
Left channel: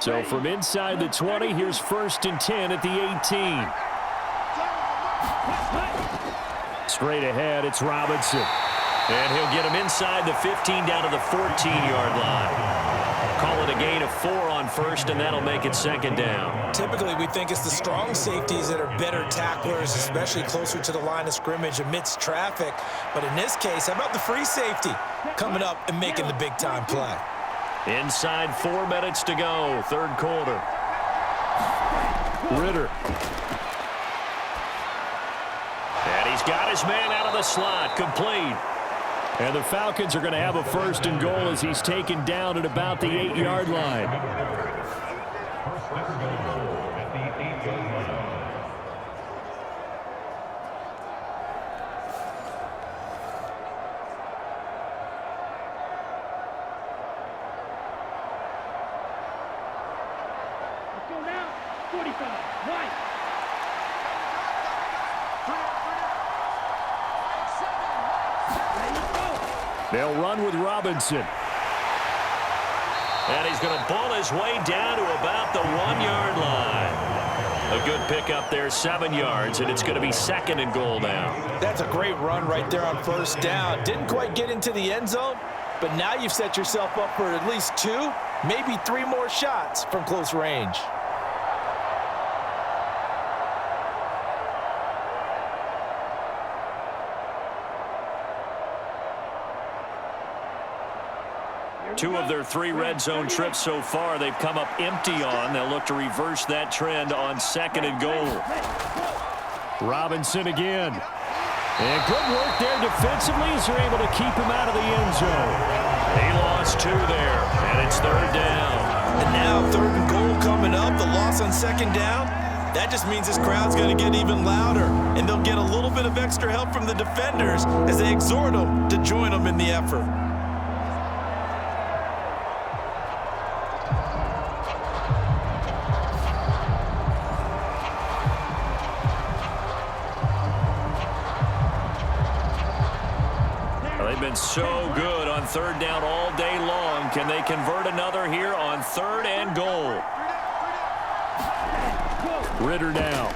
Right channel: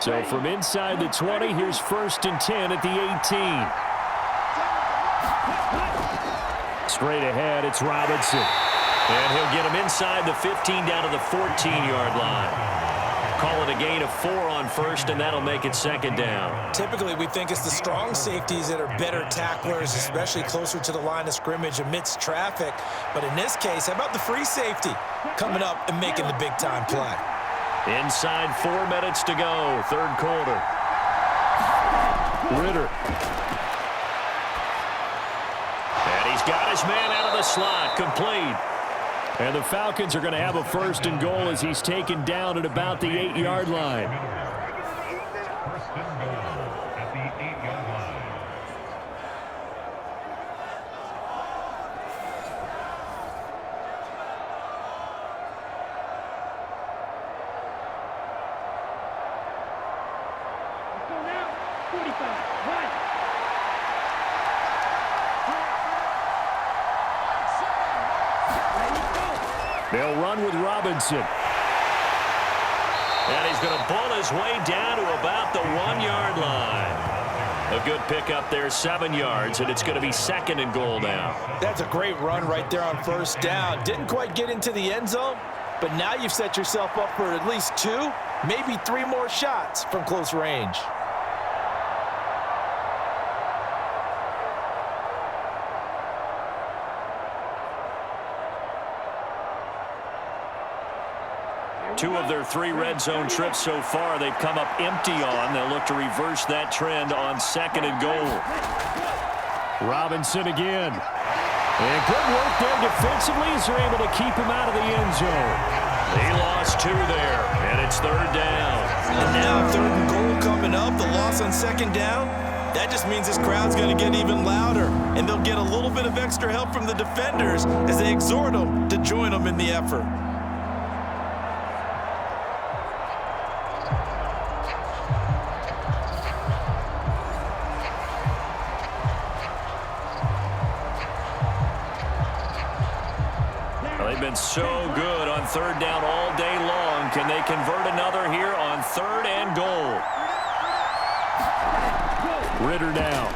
So from inside the 20, here's 1st and 10 at the 18. Straight ahead, it's Robinson. And he'll get him inside the 15 down to the 14-yard line. Call it a gain of 4 on first, and that'll make it 2nd down. Typically, we think it's the strong safeties that are better tacklers, especially closer to the line of scrimmage amidst traffic. But in this case, how about the free safety coming up and making the big-time play? Inside 4 minutes to go, 3rd quarter. Ritter. And he's got his man out of the slot, complete. And the Falcons are going to have a 1st and goal as he's taken down at about the 8-yard line. First and goal at the 8-yard line. Let's go now. 45. Right. They'll run with Robinson. And he's going to bull his way down to about the 1-yard line. A good pickup there, 7 yards, and it's going to be 2nd and goal now. That's a great run right there on first down. Didn't quite get into the end zone, but now you've set yourself up for at least 2, maybe 3 more shots from close range. Two of their 3 red zone trips so far, they've come up empty on. They'll look to reverse that trend on 2nd and goal. Robinson again. And good work there defensively as they're able to keep him out of the end zone. He lost 2 there, and it's 3rd down. And now 3rd and goal coming up. The loss on 2nd down. That just means this crowd's going to get even louder, and they'll get a little bit of extra help from the defenders as they exhort them to join them in the effort. have been so good on third down all day long. Can they convert another here on 3rd and goal? Ritter down.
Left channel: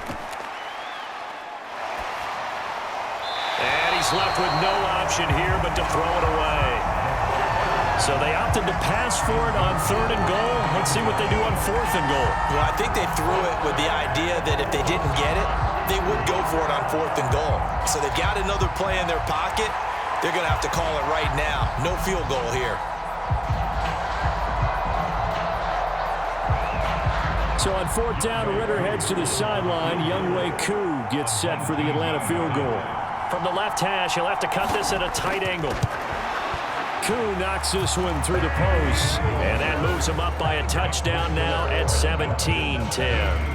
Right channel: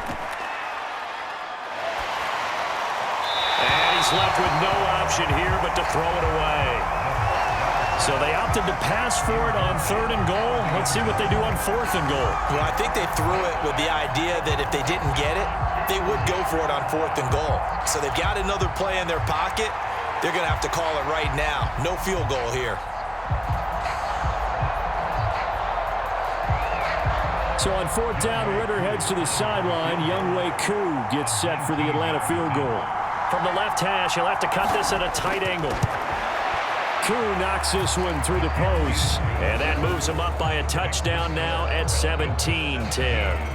And he's left with no option here but to throw it away. So they opted to pass for it on 3rd and goal. Let's see what they do on 4th and goal. Well, I think they threw it with the idea that if they didn't get it, they would go for it on 4th and goal. So they've got another play in their pocket. They're going to have to call it right now. No field goal here. So on 4th down, Ritter heads to the sideline. Younghoe Koo gets set for the Atlanta field goal. From the left hash, he'll have to cut this at a tight angle. Koo knocks this one through the post. And that moves him up by a touchdown now at 17-10.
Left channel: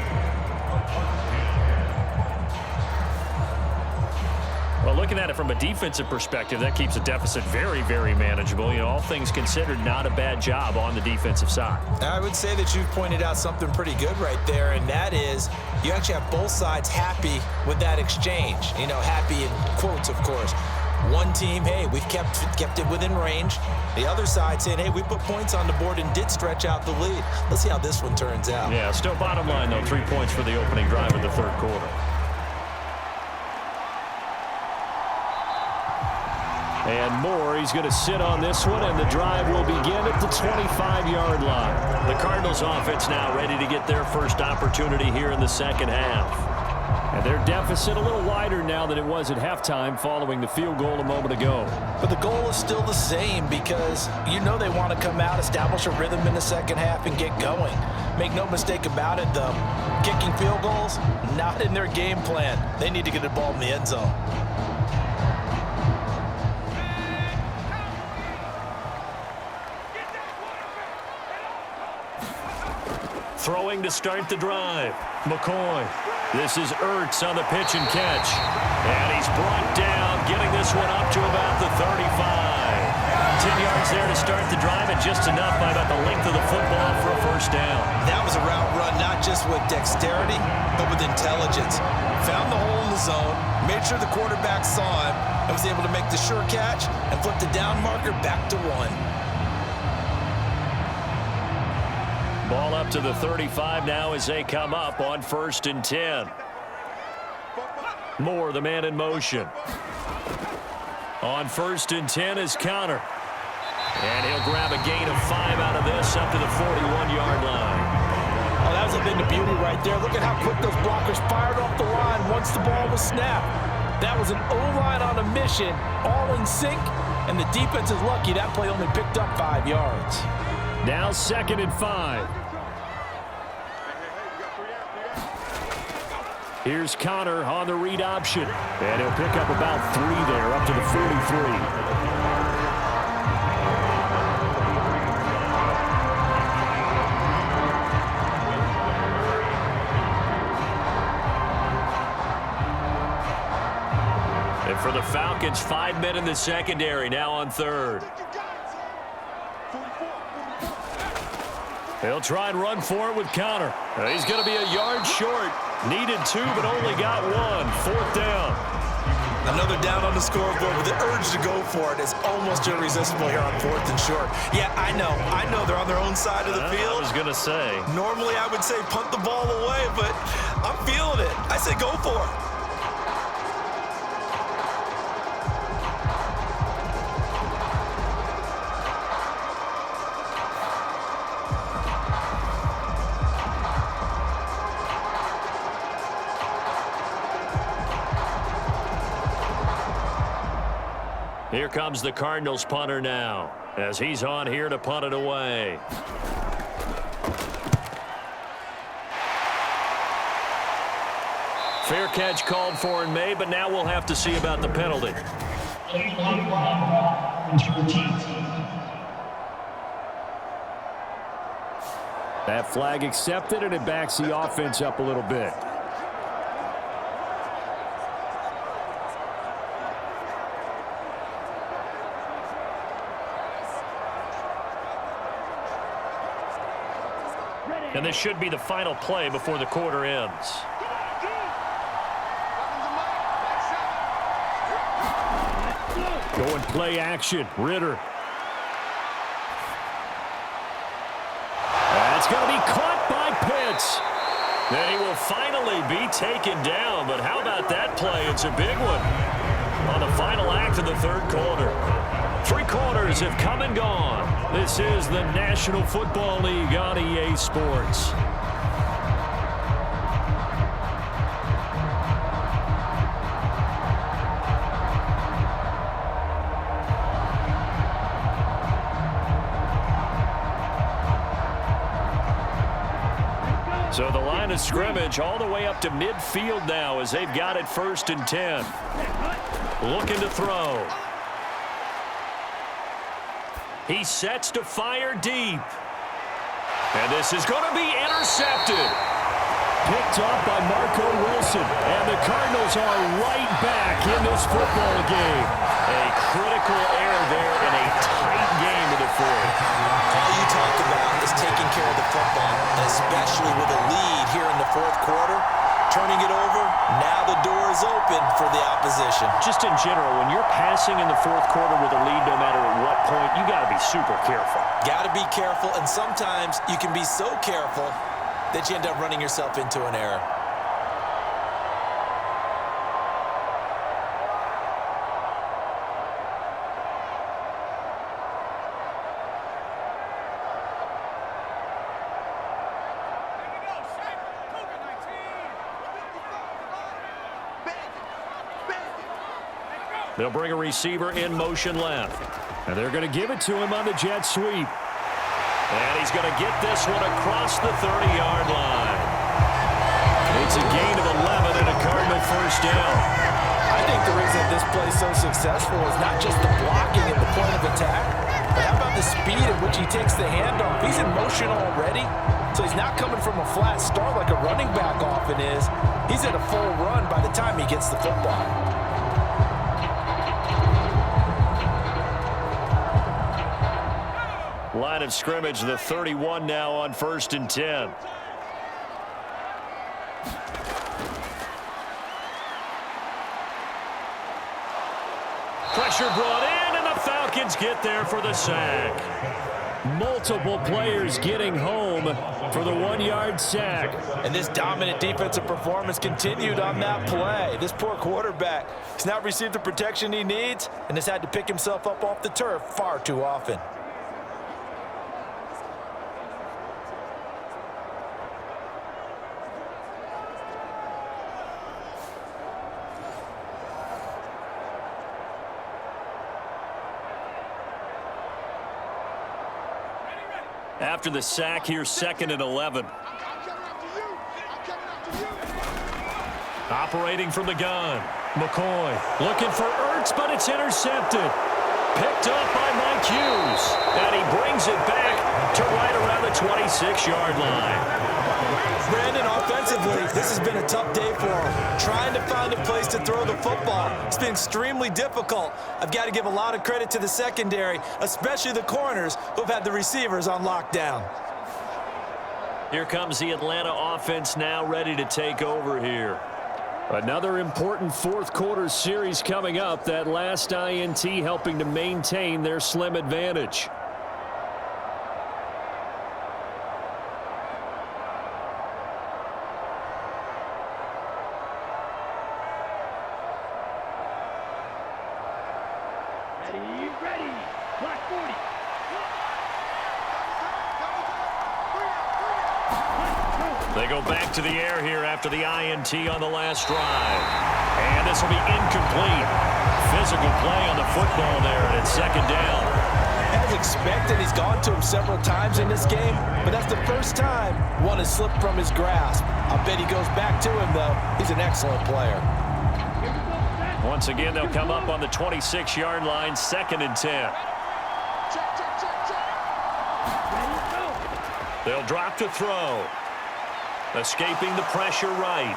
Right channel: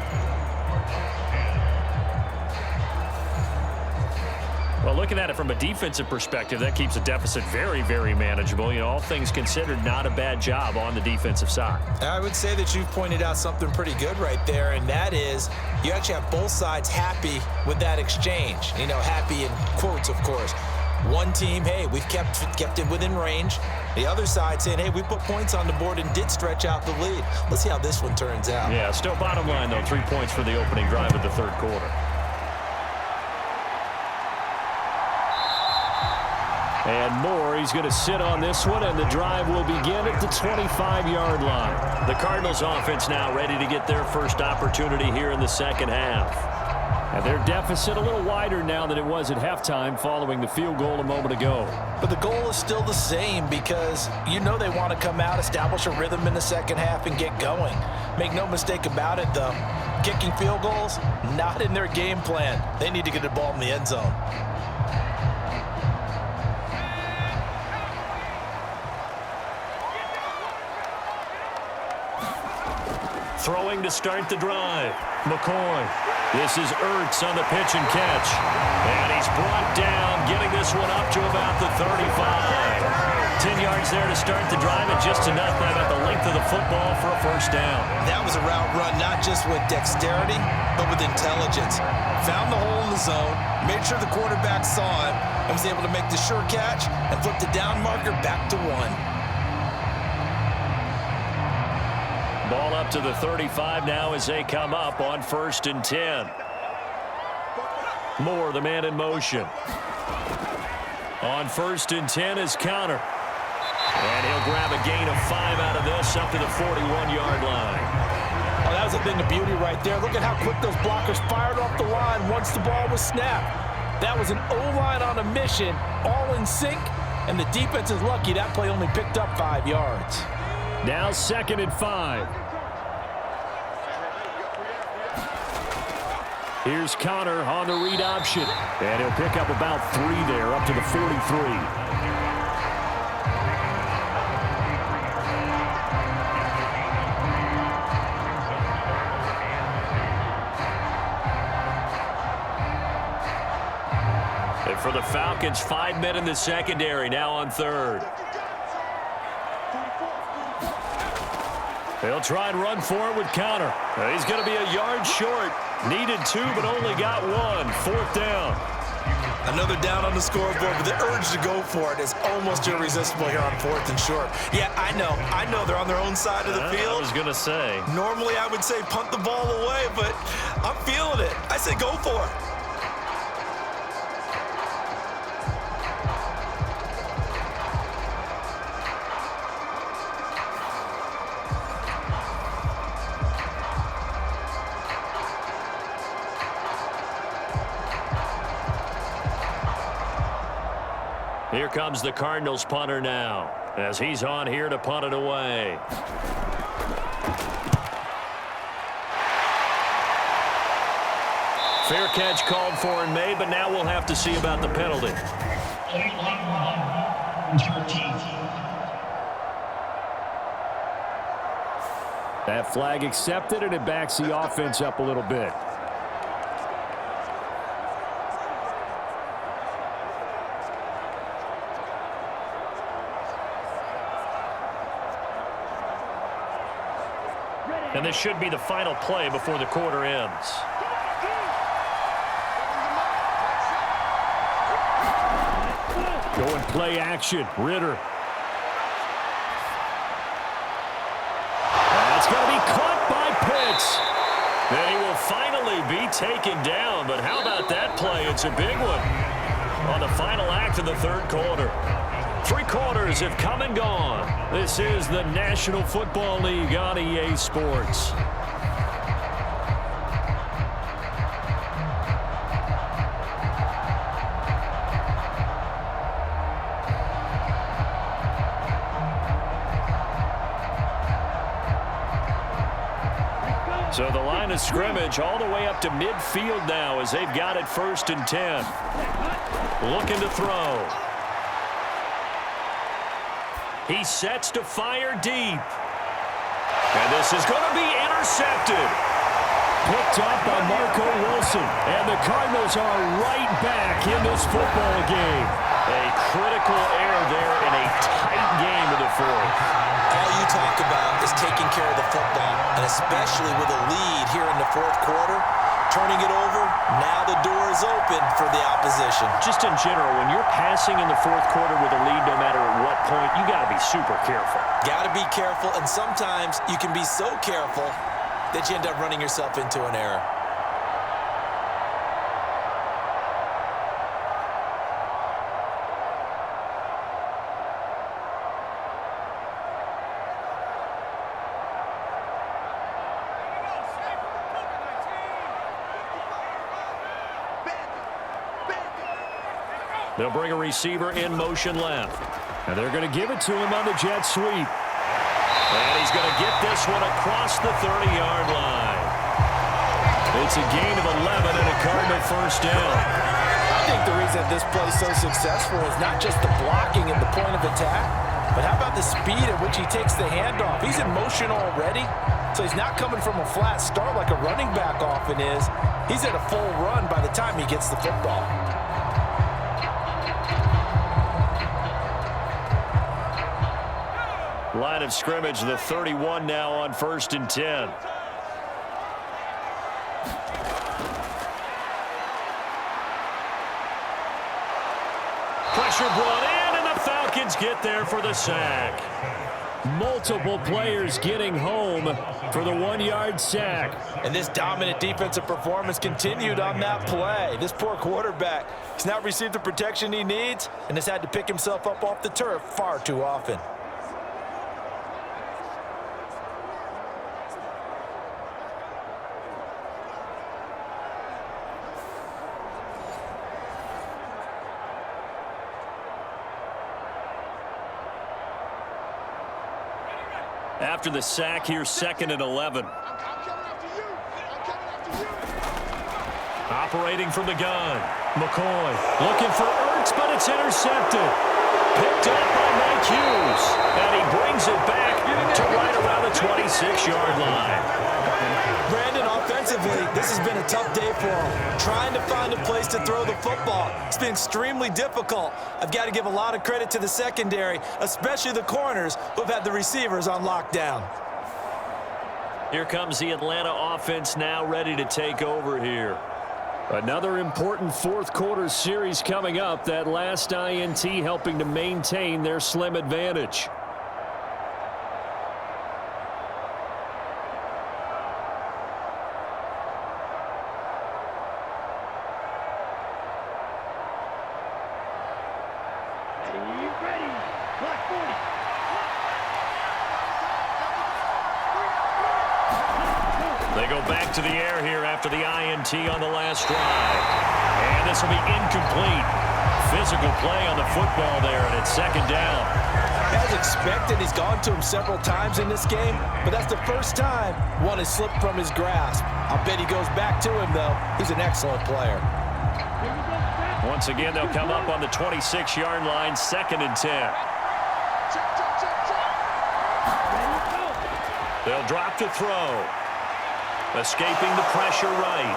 Well, looking at it from a defensive perspective, that keeps the deficit very, very manageable. You know, all things considered, not a bad job on the defensive side. I would say that you've pointed out something pretty good right there, and that is you actually have both sides happy with that exchange. You know, happy in quotes, of course. One team, hey, we've kept it within range. The other side saying, hey, we put points on the board and did stretch out the lead. Let's see how this one turns out. Yeah, still bottom line, though, 3 points for the opening drive of the 3rd quarter. And Moore, he's going to sit on this one, and the drive will begin at the 25-yard line. The Cardinals offense now ready to get their first opportunity here in the second half. And their deficit a little wider now than it was at halftime following the field goal a moment ago. But the goal is still the same because you know they want to come out, establish a rhythm in the second half, and get going. Make no mistake about it, though. Kicking field goals, not in their game plan. They need to get the ball in the end zone. Throwing to start the drive. McCoy. This is Ertz on the pitch and catch. And he's brought down, getting this one up to about the 35. 10 yards there to start the drive, and just enough by about the length of the football for a first down. That was a route run not just with dexterity, but with intelligence. Found the hole in the zone, made sure the quarterback saw him, and was able to make the sure catch and flip the down marker back to 1. Ball up to the 35 now as they come up on 1st and 10. Moore, the man in motion. On 1st and 10 is Connor. And he'll grab a gain of 5 out of this up to the 41-yard line. Oh, that was a thing of beauty right there. Look at how quick those blockers fired off the line once the ball was snapped. That was an O-line on a mission, all in sync, and the defense is lucky that play only picked up 5 yards. Now 2nd and 5. Here's Connor on the read option. And he'll pick up about 3 there, up to the 43. And for the Falcons, 5 men in the secondary, now on 3rd. They'll try and run for it with Connor. He's going to be a yard short. Needed 2, but only got 1. 4th down. Another down on the scoreboard, but the urge to go for it is almost irresistible here on 4th and short. Yeah, I know they're on their own side of the field. I was going to say. Normally I would say punt the ball away, but I'm feeling it. I say go for it. Here comes the Cardinals punter now, as he's on here to punt it away. Fair catch called for and made, but now we'll have to see about the penalty. That flag accepted, and it backs the offense up a little bit. And this should be the final play before the quarter ends. Going play action. Ritter. That's going to be caught by Pitts. And he will finally be taken down, but how about that play? It's a big one on the final act of the third quarter. 3 quarters have come and gone. This is the National Football League on EA Sports. So the line of scrimmage all the way up to midfield now as they've got it 1st and 10. Looking to throw. He sets to fire deep. And this is going to be intercepted. Picked off by Marco Wilson. And the Cardinals are right back in this football game. A critical error there in a tight game of the 4th. All you talk about is taking care of the football, and especially with a lead here in the 4th quarter, turning it over, now the door is open for the opposition. Just in general, when you're passing in the 4th quarter with a lead, no matter at what point, you got to be super careful. Got to be careful, and sometimes you can be so careful that you end up running yourself into an error. They'll bring a receiver in motion left. And they're going to give it to him on the jet sweep. And he's going to get this one across the 30-yard line. It's a gain of 11 and a Cardinal first down. I think the reason this play is so successful is not just the blocking at the point of attack, but how about the speed at which he takes the handoff? He's in motion already, so he's not coming from a flat start like a running back often is. He's at a full run by the time he gets the football. Line of scrimmage, the 31 now on 1st and 10. Pressure brought in, and the Falcons get there for the sack. Multiple players getting home for the 1-yard sack. And this dominant defensive performance continued on that play. This poor quarterback has not received the protection he needs and has had to pick himself up off the turf far too often. After the sack, here 2nd and 11. Operating from the gun. McCoy looking for Ertz, but it's intercepted. Picked up by Marquise. And he brings it back to right around the 26-yard line. Brandon, offensively, this has been a tough day for him. Trying to find a place to throw the football. It's been extremely difficult. I've got to give a lot of credit to the secondary, especially the corners who've had the receivers on lockdown. Here comes the Atlanta offense now ready to take over here. Another important 4th quarter series coming up. That last INT helping to maintain their slim advantage. Ready. Block 40. They go back to the air here after the INT on the last drive. And this will be incomplete. Physical play on the football there, and it's 2nd down. As expected, he's gone to him several times in this game, but that's the first time one has slipped from his grasp. I'll bet he goes back to him, though. He's an excellent player. Once again, they'll come up on the 26-yard line, 2nd and 10. They'll drop to throw. Escaping the pressure right.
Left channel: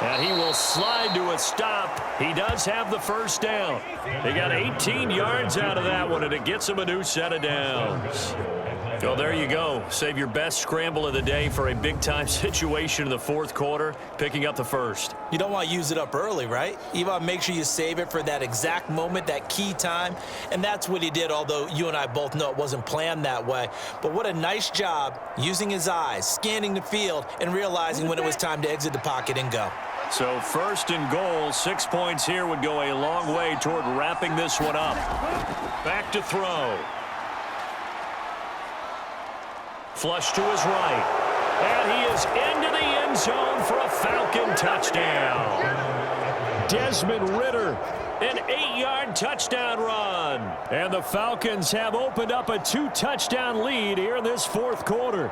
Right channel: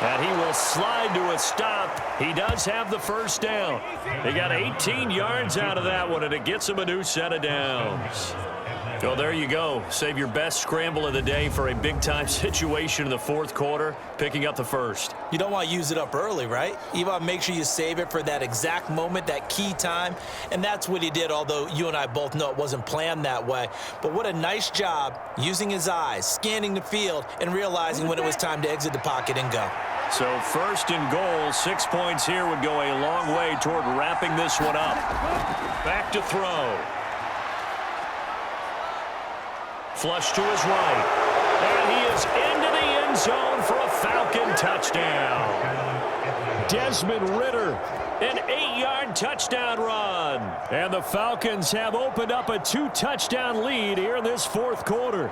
And he will slide to a stop. He does have the first down. He got 18 yards out of that one, and it gets him a new set of downs. Well, there you go. Save your best scramble of the day for a big-time situation in the fourth quarter, picking up the first. You don't want to use it up early, right? You want to make sure you save it for that exact moment, that key time, and that's what he did, although you and I both know it wasn't planned that way. But what a nice job using his eyes, scanning the field, and realizing when it was time to exit the pocket and go. So first and goal, 6 points here would go a long way toward wrapping this one up. Back to throw. Flush to his right. And he is into the end zone for a Falcon touchdown. Desmond Ridder, an 8-yard touchdown run. And the Falcons have opened up a 2-touchdown lead here in this fourth quarter.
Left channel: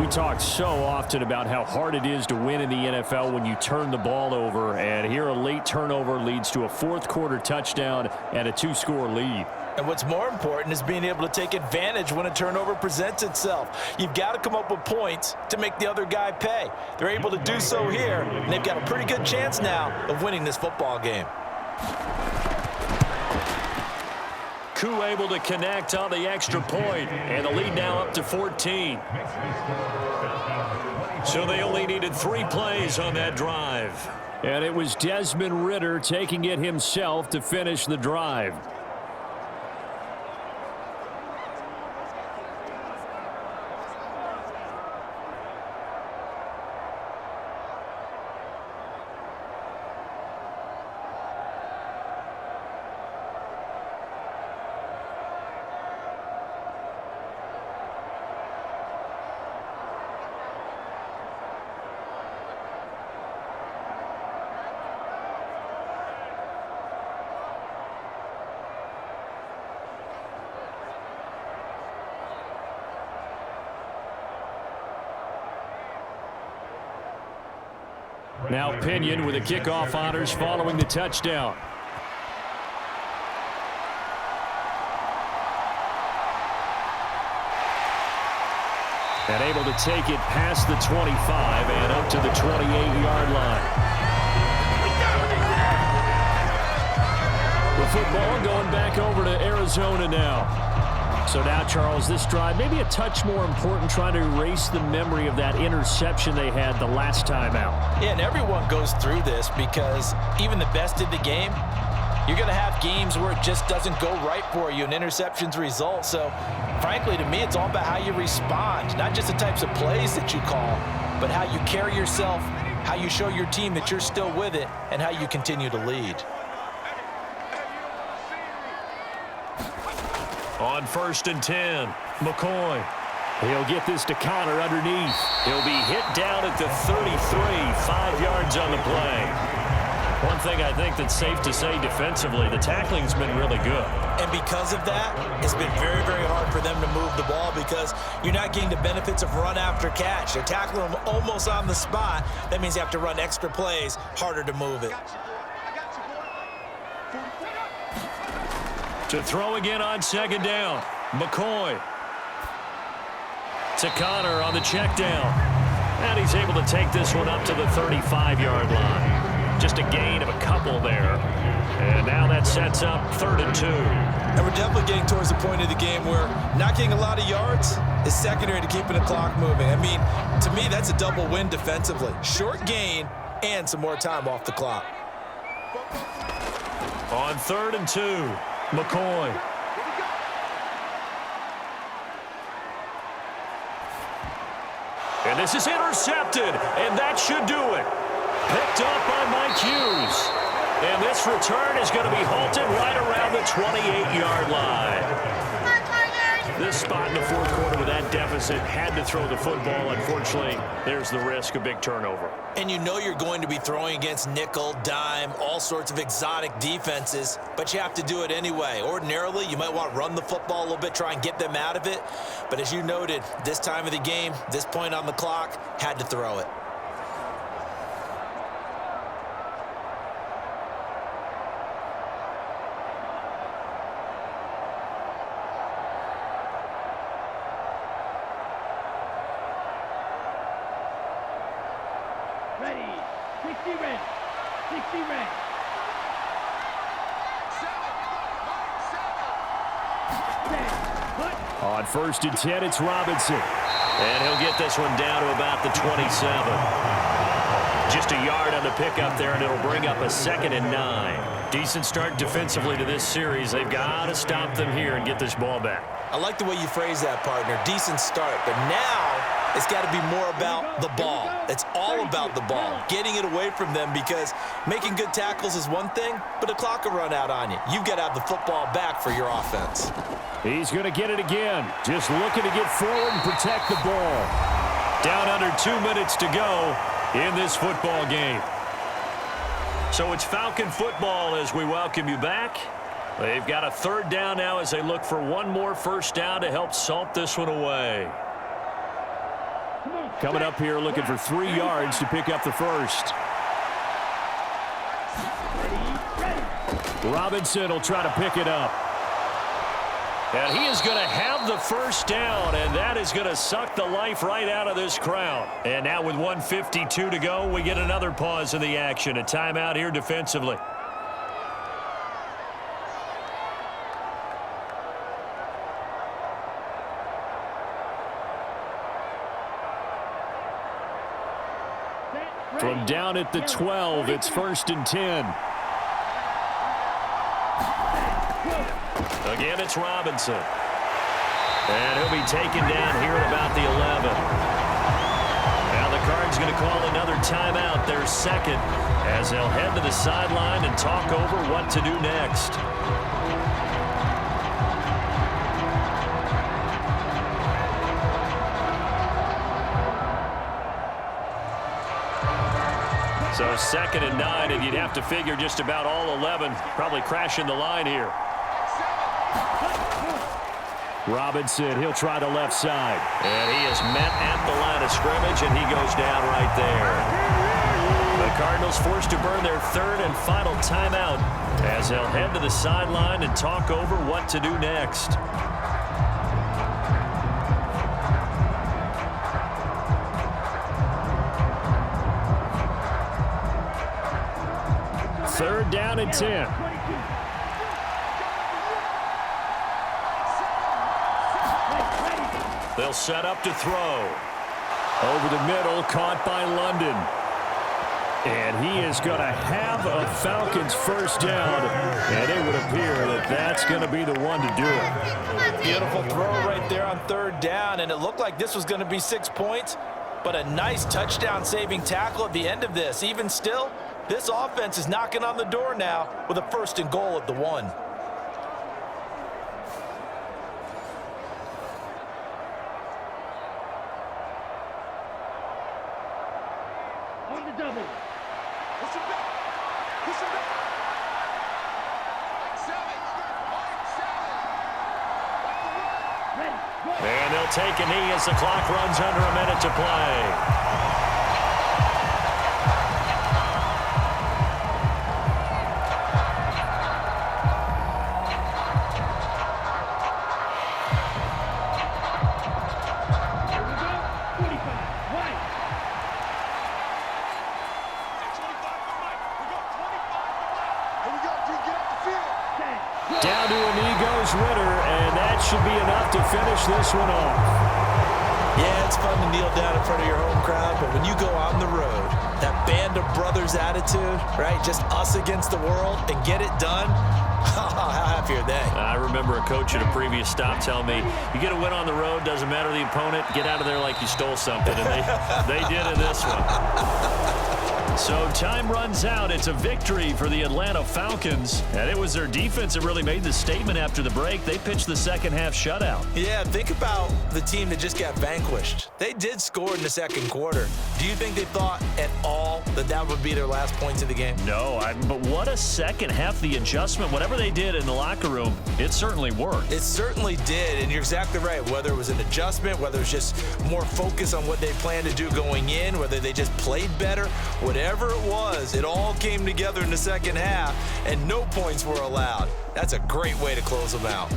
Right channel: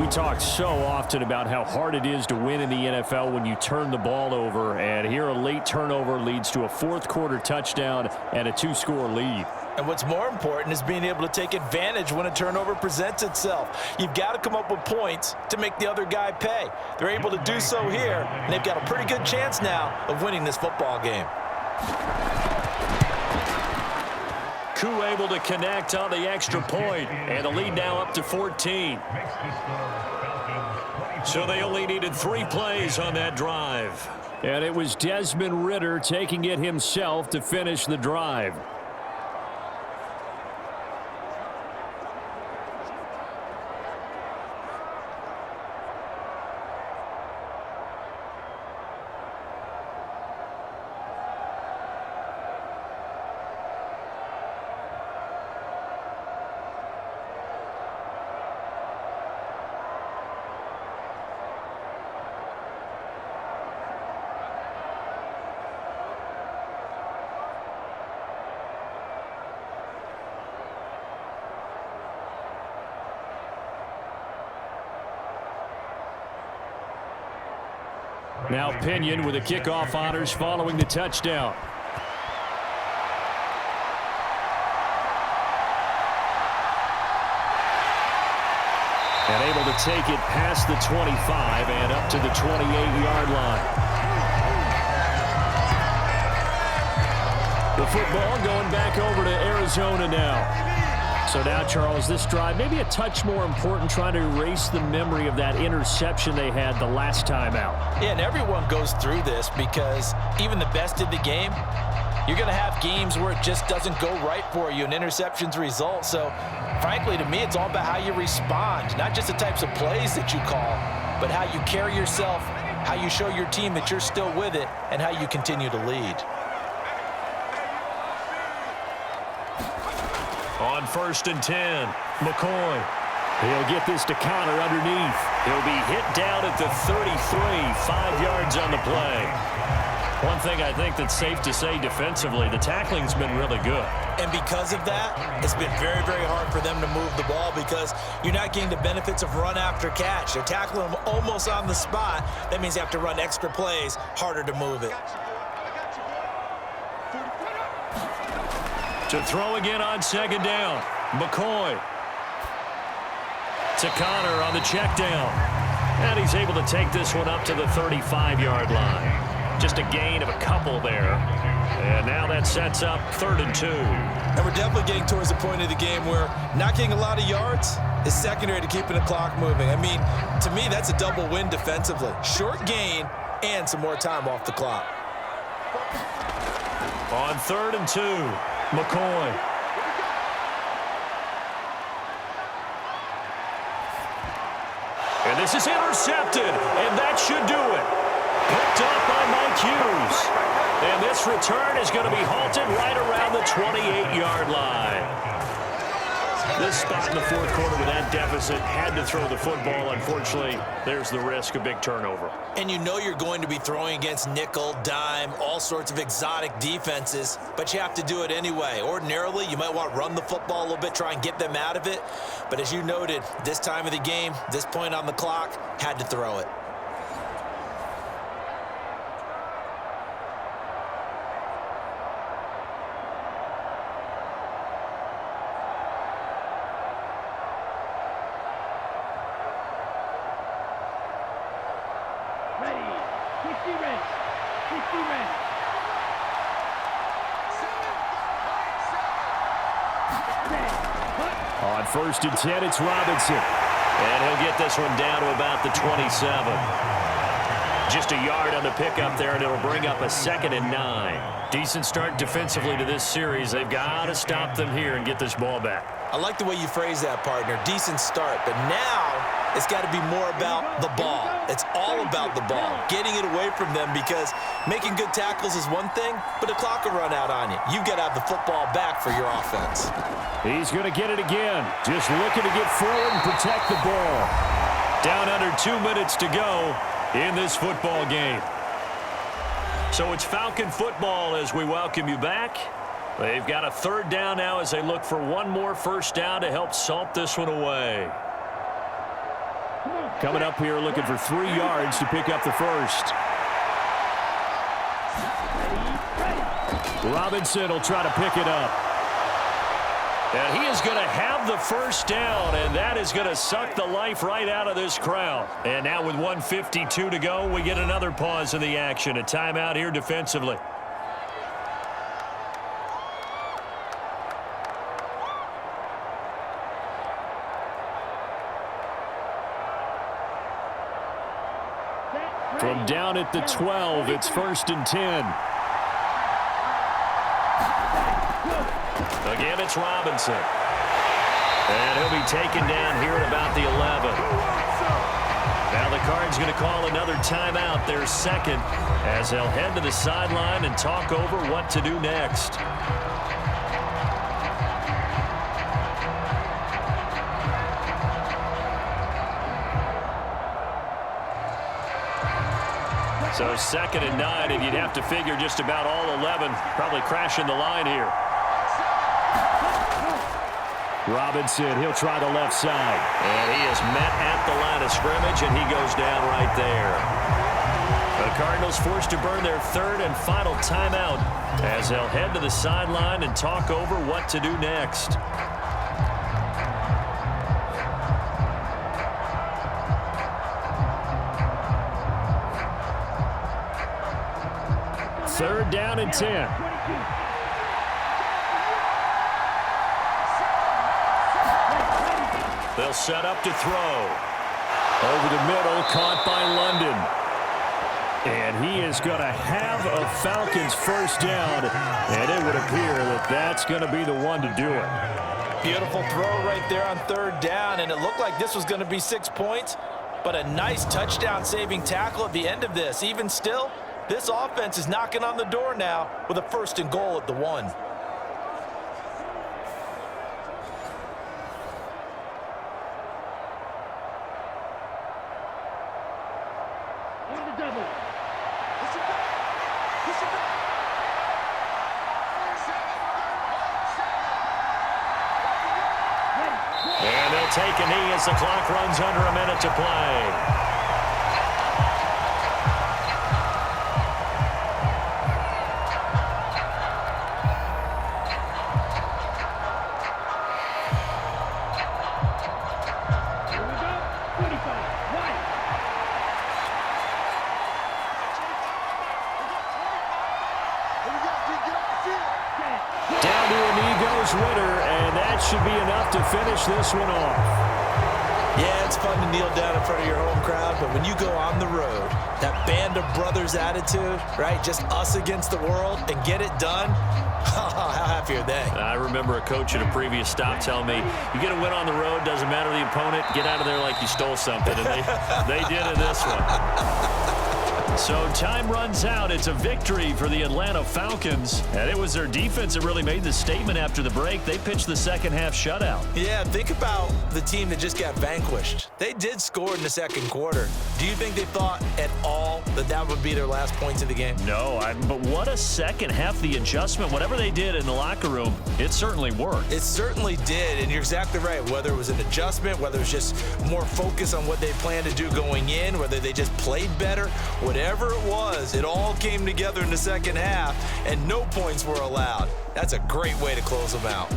We talk so often about how hard it is to win in the NFL when you turn the ball over. And here a late turnover leads to a fourth quarter touchdown and a 2-score lead. And what's more important is being able to take advantage when a turnover presents itself. You've got to come up with points to make the other guy pay. They're able to do so here, and they've got a pretty good chance now of winning this football game. Koo able to connect on the extra point, and the lead now up to 14. So they only needed 3 plays on that drive. And it was Desmond Ridder taking it himself to finish the drive. Now Pinion with the kickoff honors following the touchdown. And able to take it past the 25 and up to the 28-yard line. The football going back over to Arizona now. So now, Charles, this drive maybe a touch more important, trying to erase the memory of that interception they had the last time out. Yeah, and everyone goes through this because even the best in the game, you're going to have games where it just doesn't go right for you and interceptions result. So, frankly, to me, it's all about how you respond, not just the types of plays that you call, but how you carry yourself, how you show your team that you're still with it, and how you continue to lead. On 1st and 10, McCoy. He'll get this to Connor underneath. He'll be hit down at the 33, 5 yards on the play. One thing I think that's safe to say defensively, the tackling's been really good. And because of that, it's been very, very hard for them to move the ball because you're not getting the benefits of run after catch. They're tackling them almost on the spot. That means you have to run extra plays, harder to move it. To throw again on 2nd down, McCoy. To Connor on the check down. And he's able to take this one up to the 35-yard line. Just a gain of a couple there. And now that sets up 3rd and 2. And we're definitely getting towards the point of the game where not getting a lot of yards is secondary to keeping the clock moving. I mean, to me, that's a double win defensively. Short gain and some more time off the clock. On 3rd and 2, McCoy. And this is intercepted, and that should do it. Picked up by Marquise. And this return is going to be halted right around the 28-yard line. This spot in the fourth quarter with that deficit, had to throw the football. Unfortunately, there's the risk of big turnover. And you know you're going to be throwing against nickel, dime, all sorts of exotic defenses, but you have to do it anyway. Ordinarily, you might want to run the football a little bit, try and get them out of it. But as you noted, this time of the game, this point on the clock, had to throw it. Ready. 60 red. 60 red. 7. 7. On 1st and 10, it's Robinson. And he'll get this one down to about the 27. Just a yard on the pickup there, and it'll bring up a 2nd and 9. Decent start defensively to this series. They've got to stop them here and get this ball back. I like the way you phrase that, partner. Decent start, but now it's got to be more about the ball. It's all about the ball, getting it away from them, because making good tackles is one thing, but the clock will run out on you. You've got to have the football back for your offense. He's going to get it again. Just looking to get forward and protect the ball. Down under 2 minutes to go in this football game. So it's Falcon football as we welcome you back. They've got a 3rd down now as they look for one more first down to help salt this one away. Coming up here looking for 3 yards to pick up the first. Robinson will try to pick it up. And he is going to have the first down, and that is going to suck the life right out of this crowd. And now with 1:52 to go, we get another pause in the action. A timeout here defensively. From down at the 12, it's 1st and 10. Again, it's Robinson. And he'll be taken down here at about the 11. Now the Cards going to call another timeout, their 2nd, as they'll head to the sideline and talk over what to do next. So 2nd and 9, and you'd have to figure just about all 11 probably crashing the line here. Robinson, he'll try the left side. And he is met at the line of scrimmage, and he goes down right there. The Cardinals forced to burn their 3rd and final timeout as they'll head to the sideline and talk over what to do next. Third down and 10. They'll set up to throw. Over the middle, caught by London. And he is going to have a Falcons first down, and it would appear that that's going to be the one to do it. Beautiful throw right there on 3rd down, and it looked like this was going to be 6 points, but a nice touchdown-saving tackle at the end of this. Even still, this offense is knocking on the door now with a 1st and goal at the 1. On the double. Push him back. Push him back. 7. Ready. And they'll take a knee as the clock runs under a minute to play. Down to a knee goes Ritter, and that should be enough to finish this one off. Yeah, it's fun to kneel down in front of your home crowd, but when you go on the road, that band of brothers attitude, right, just us against the world, and get it done, how happy are they? I remember a coach at a previous stop telling me, you get a win on the road, doesn't matter the opponent, get out of there like you stole something, and they did in this one. So time runs out. It's a victory for the Atlanta Falcons. And it was their defense that really made the statement after the break. They pitched the second half shutout. Yeah, think about the team that just got vanquished. They did score in the 2nd quarter. Do you think they thought at all that that would be their last points of the game? No, but what a second half. The adjustment, whatever they did in the locker room, it certainly worked. It certainly did, and you're exactly right. Whether it was an adjustment, whether it was just more focus on what they planned to do going in, whether they just played better, whatever it was, it all came together in the second half, and no points were allowed. That's a great way to close them out.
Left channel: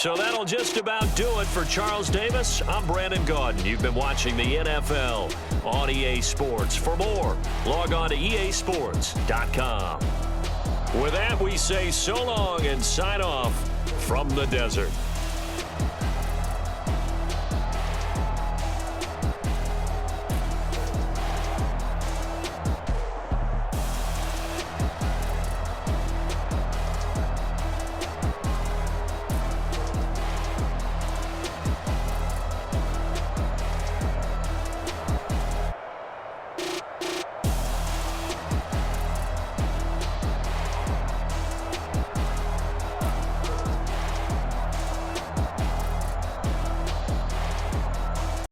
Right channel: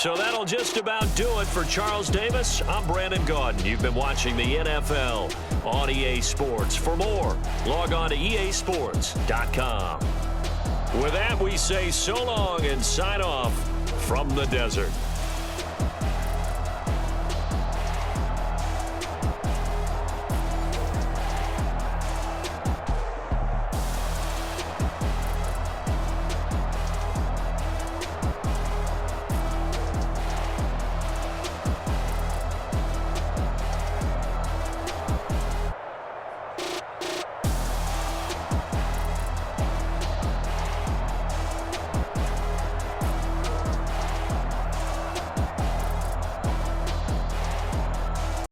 So that'll just about do it for Charles Davis. I'm Brandon Gaudin. You've been watching the NFL on EA Sports. For more, log on to easports.com. With that, we say so long and sign off from the desert.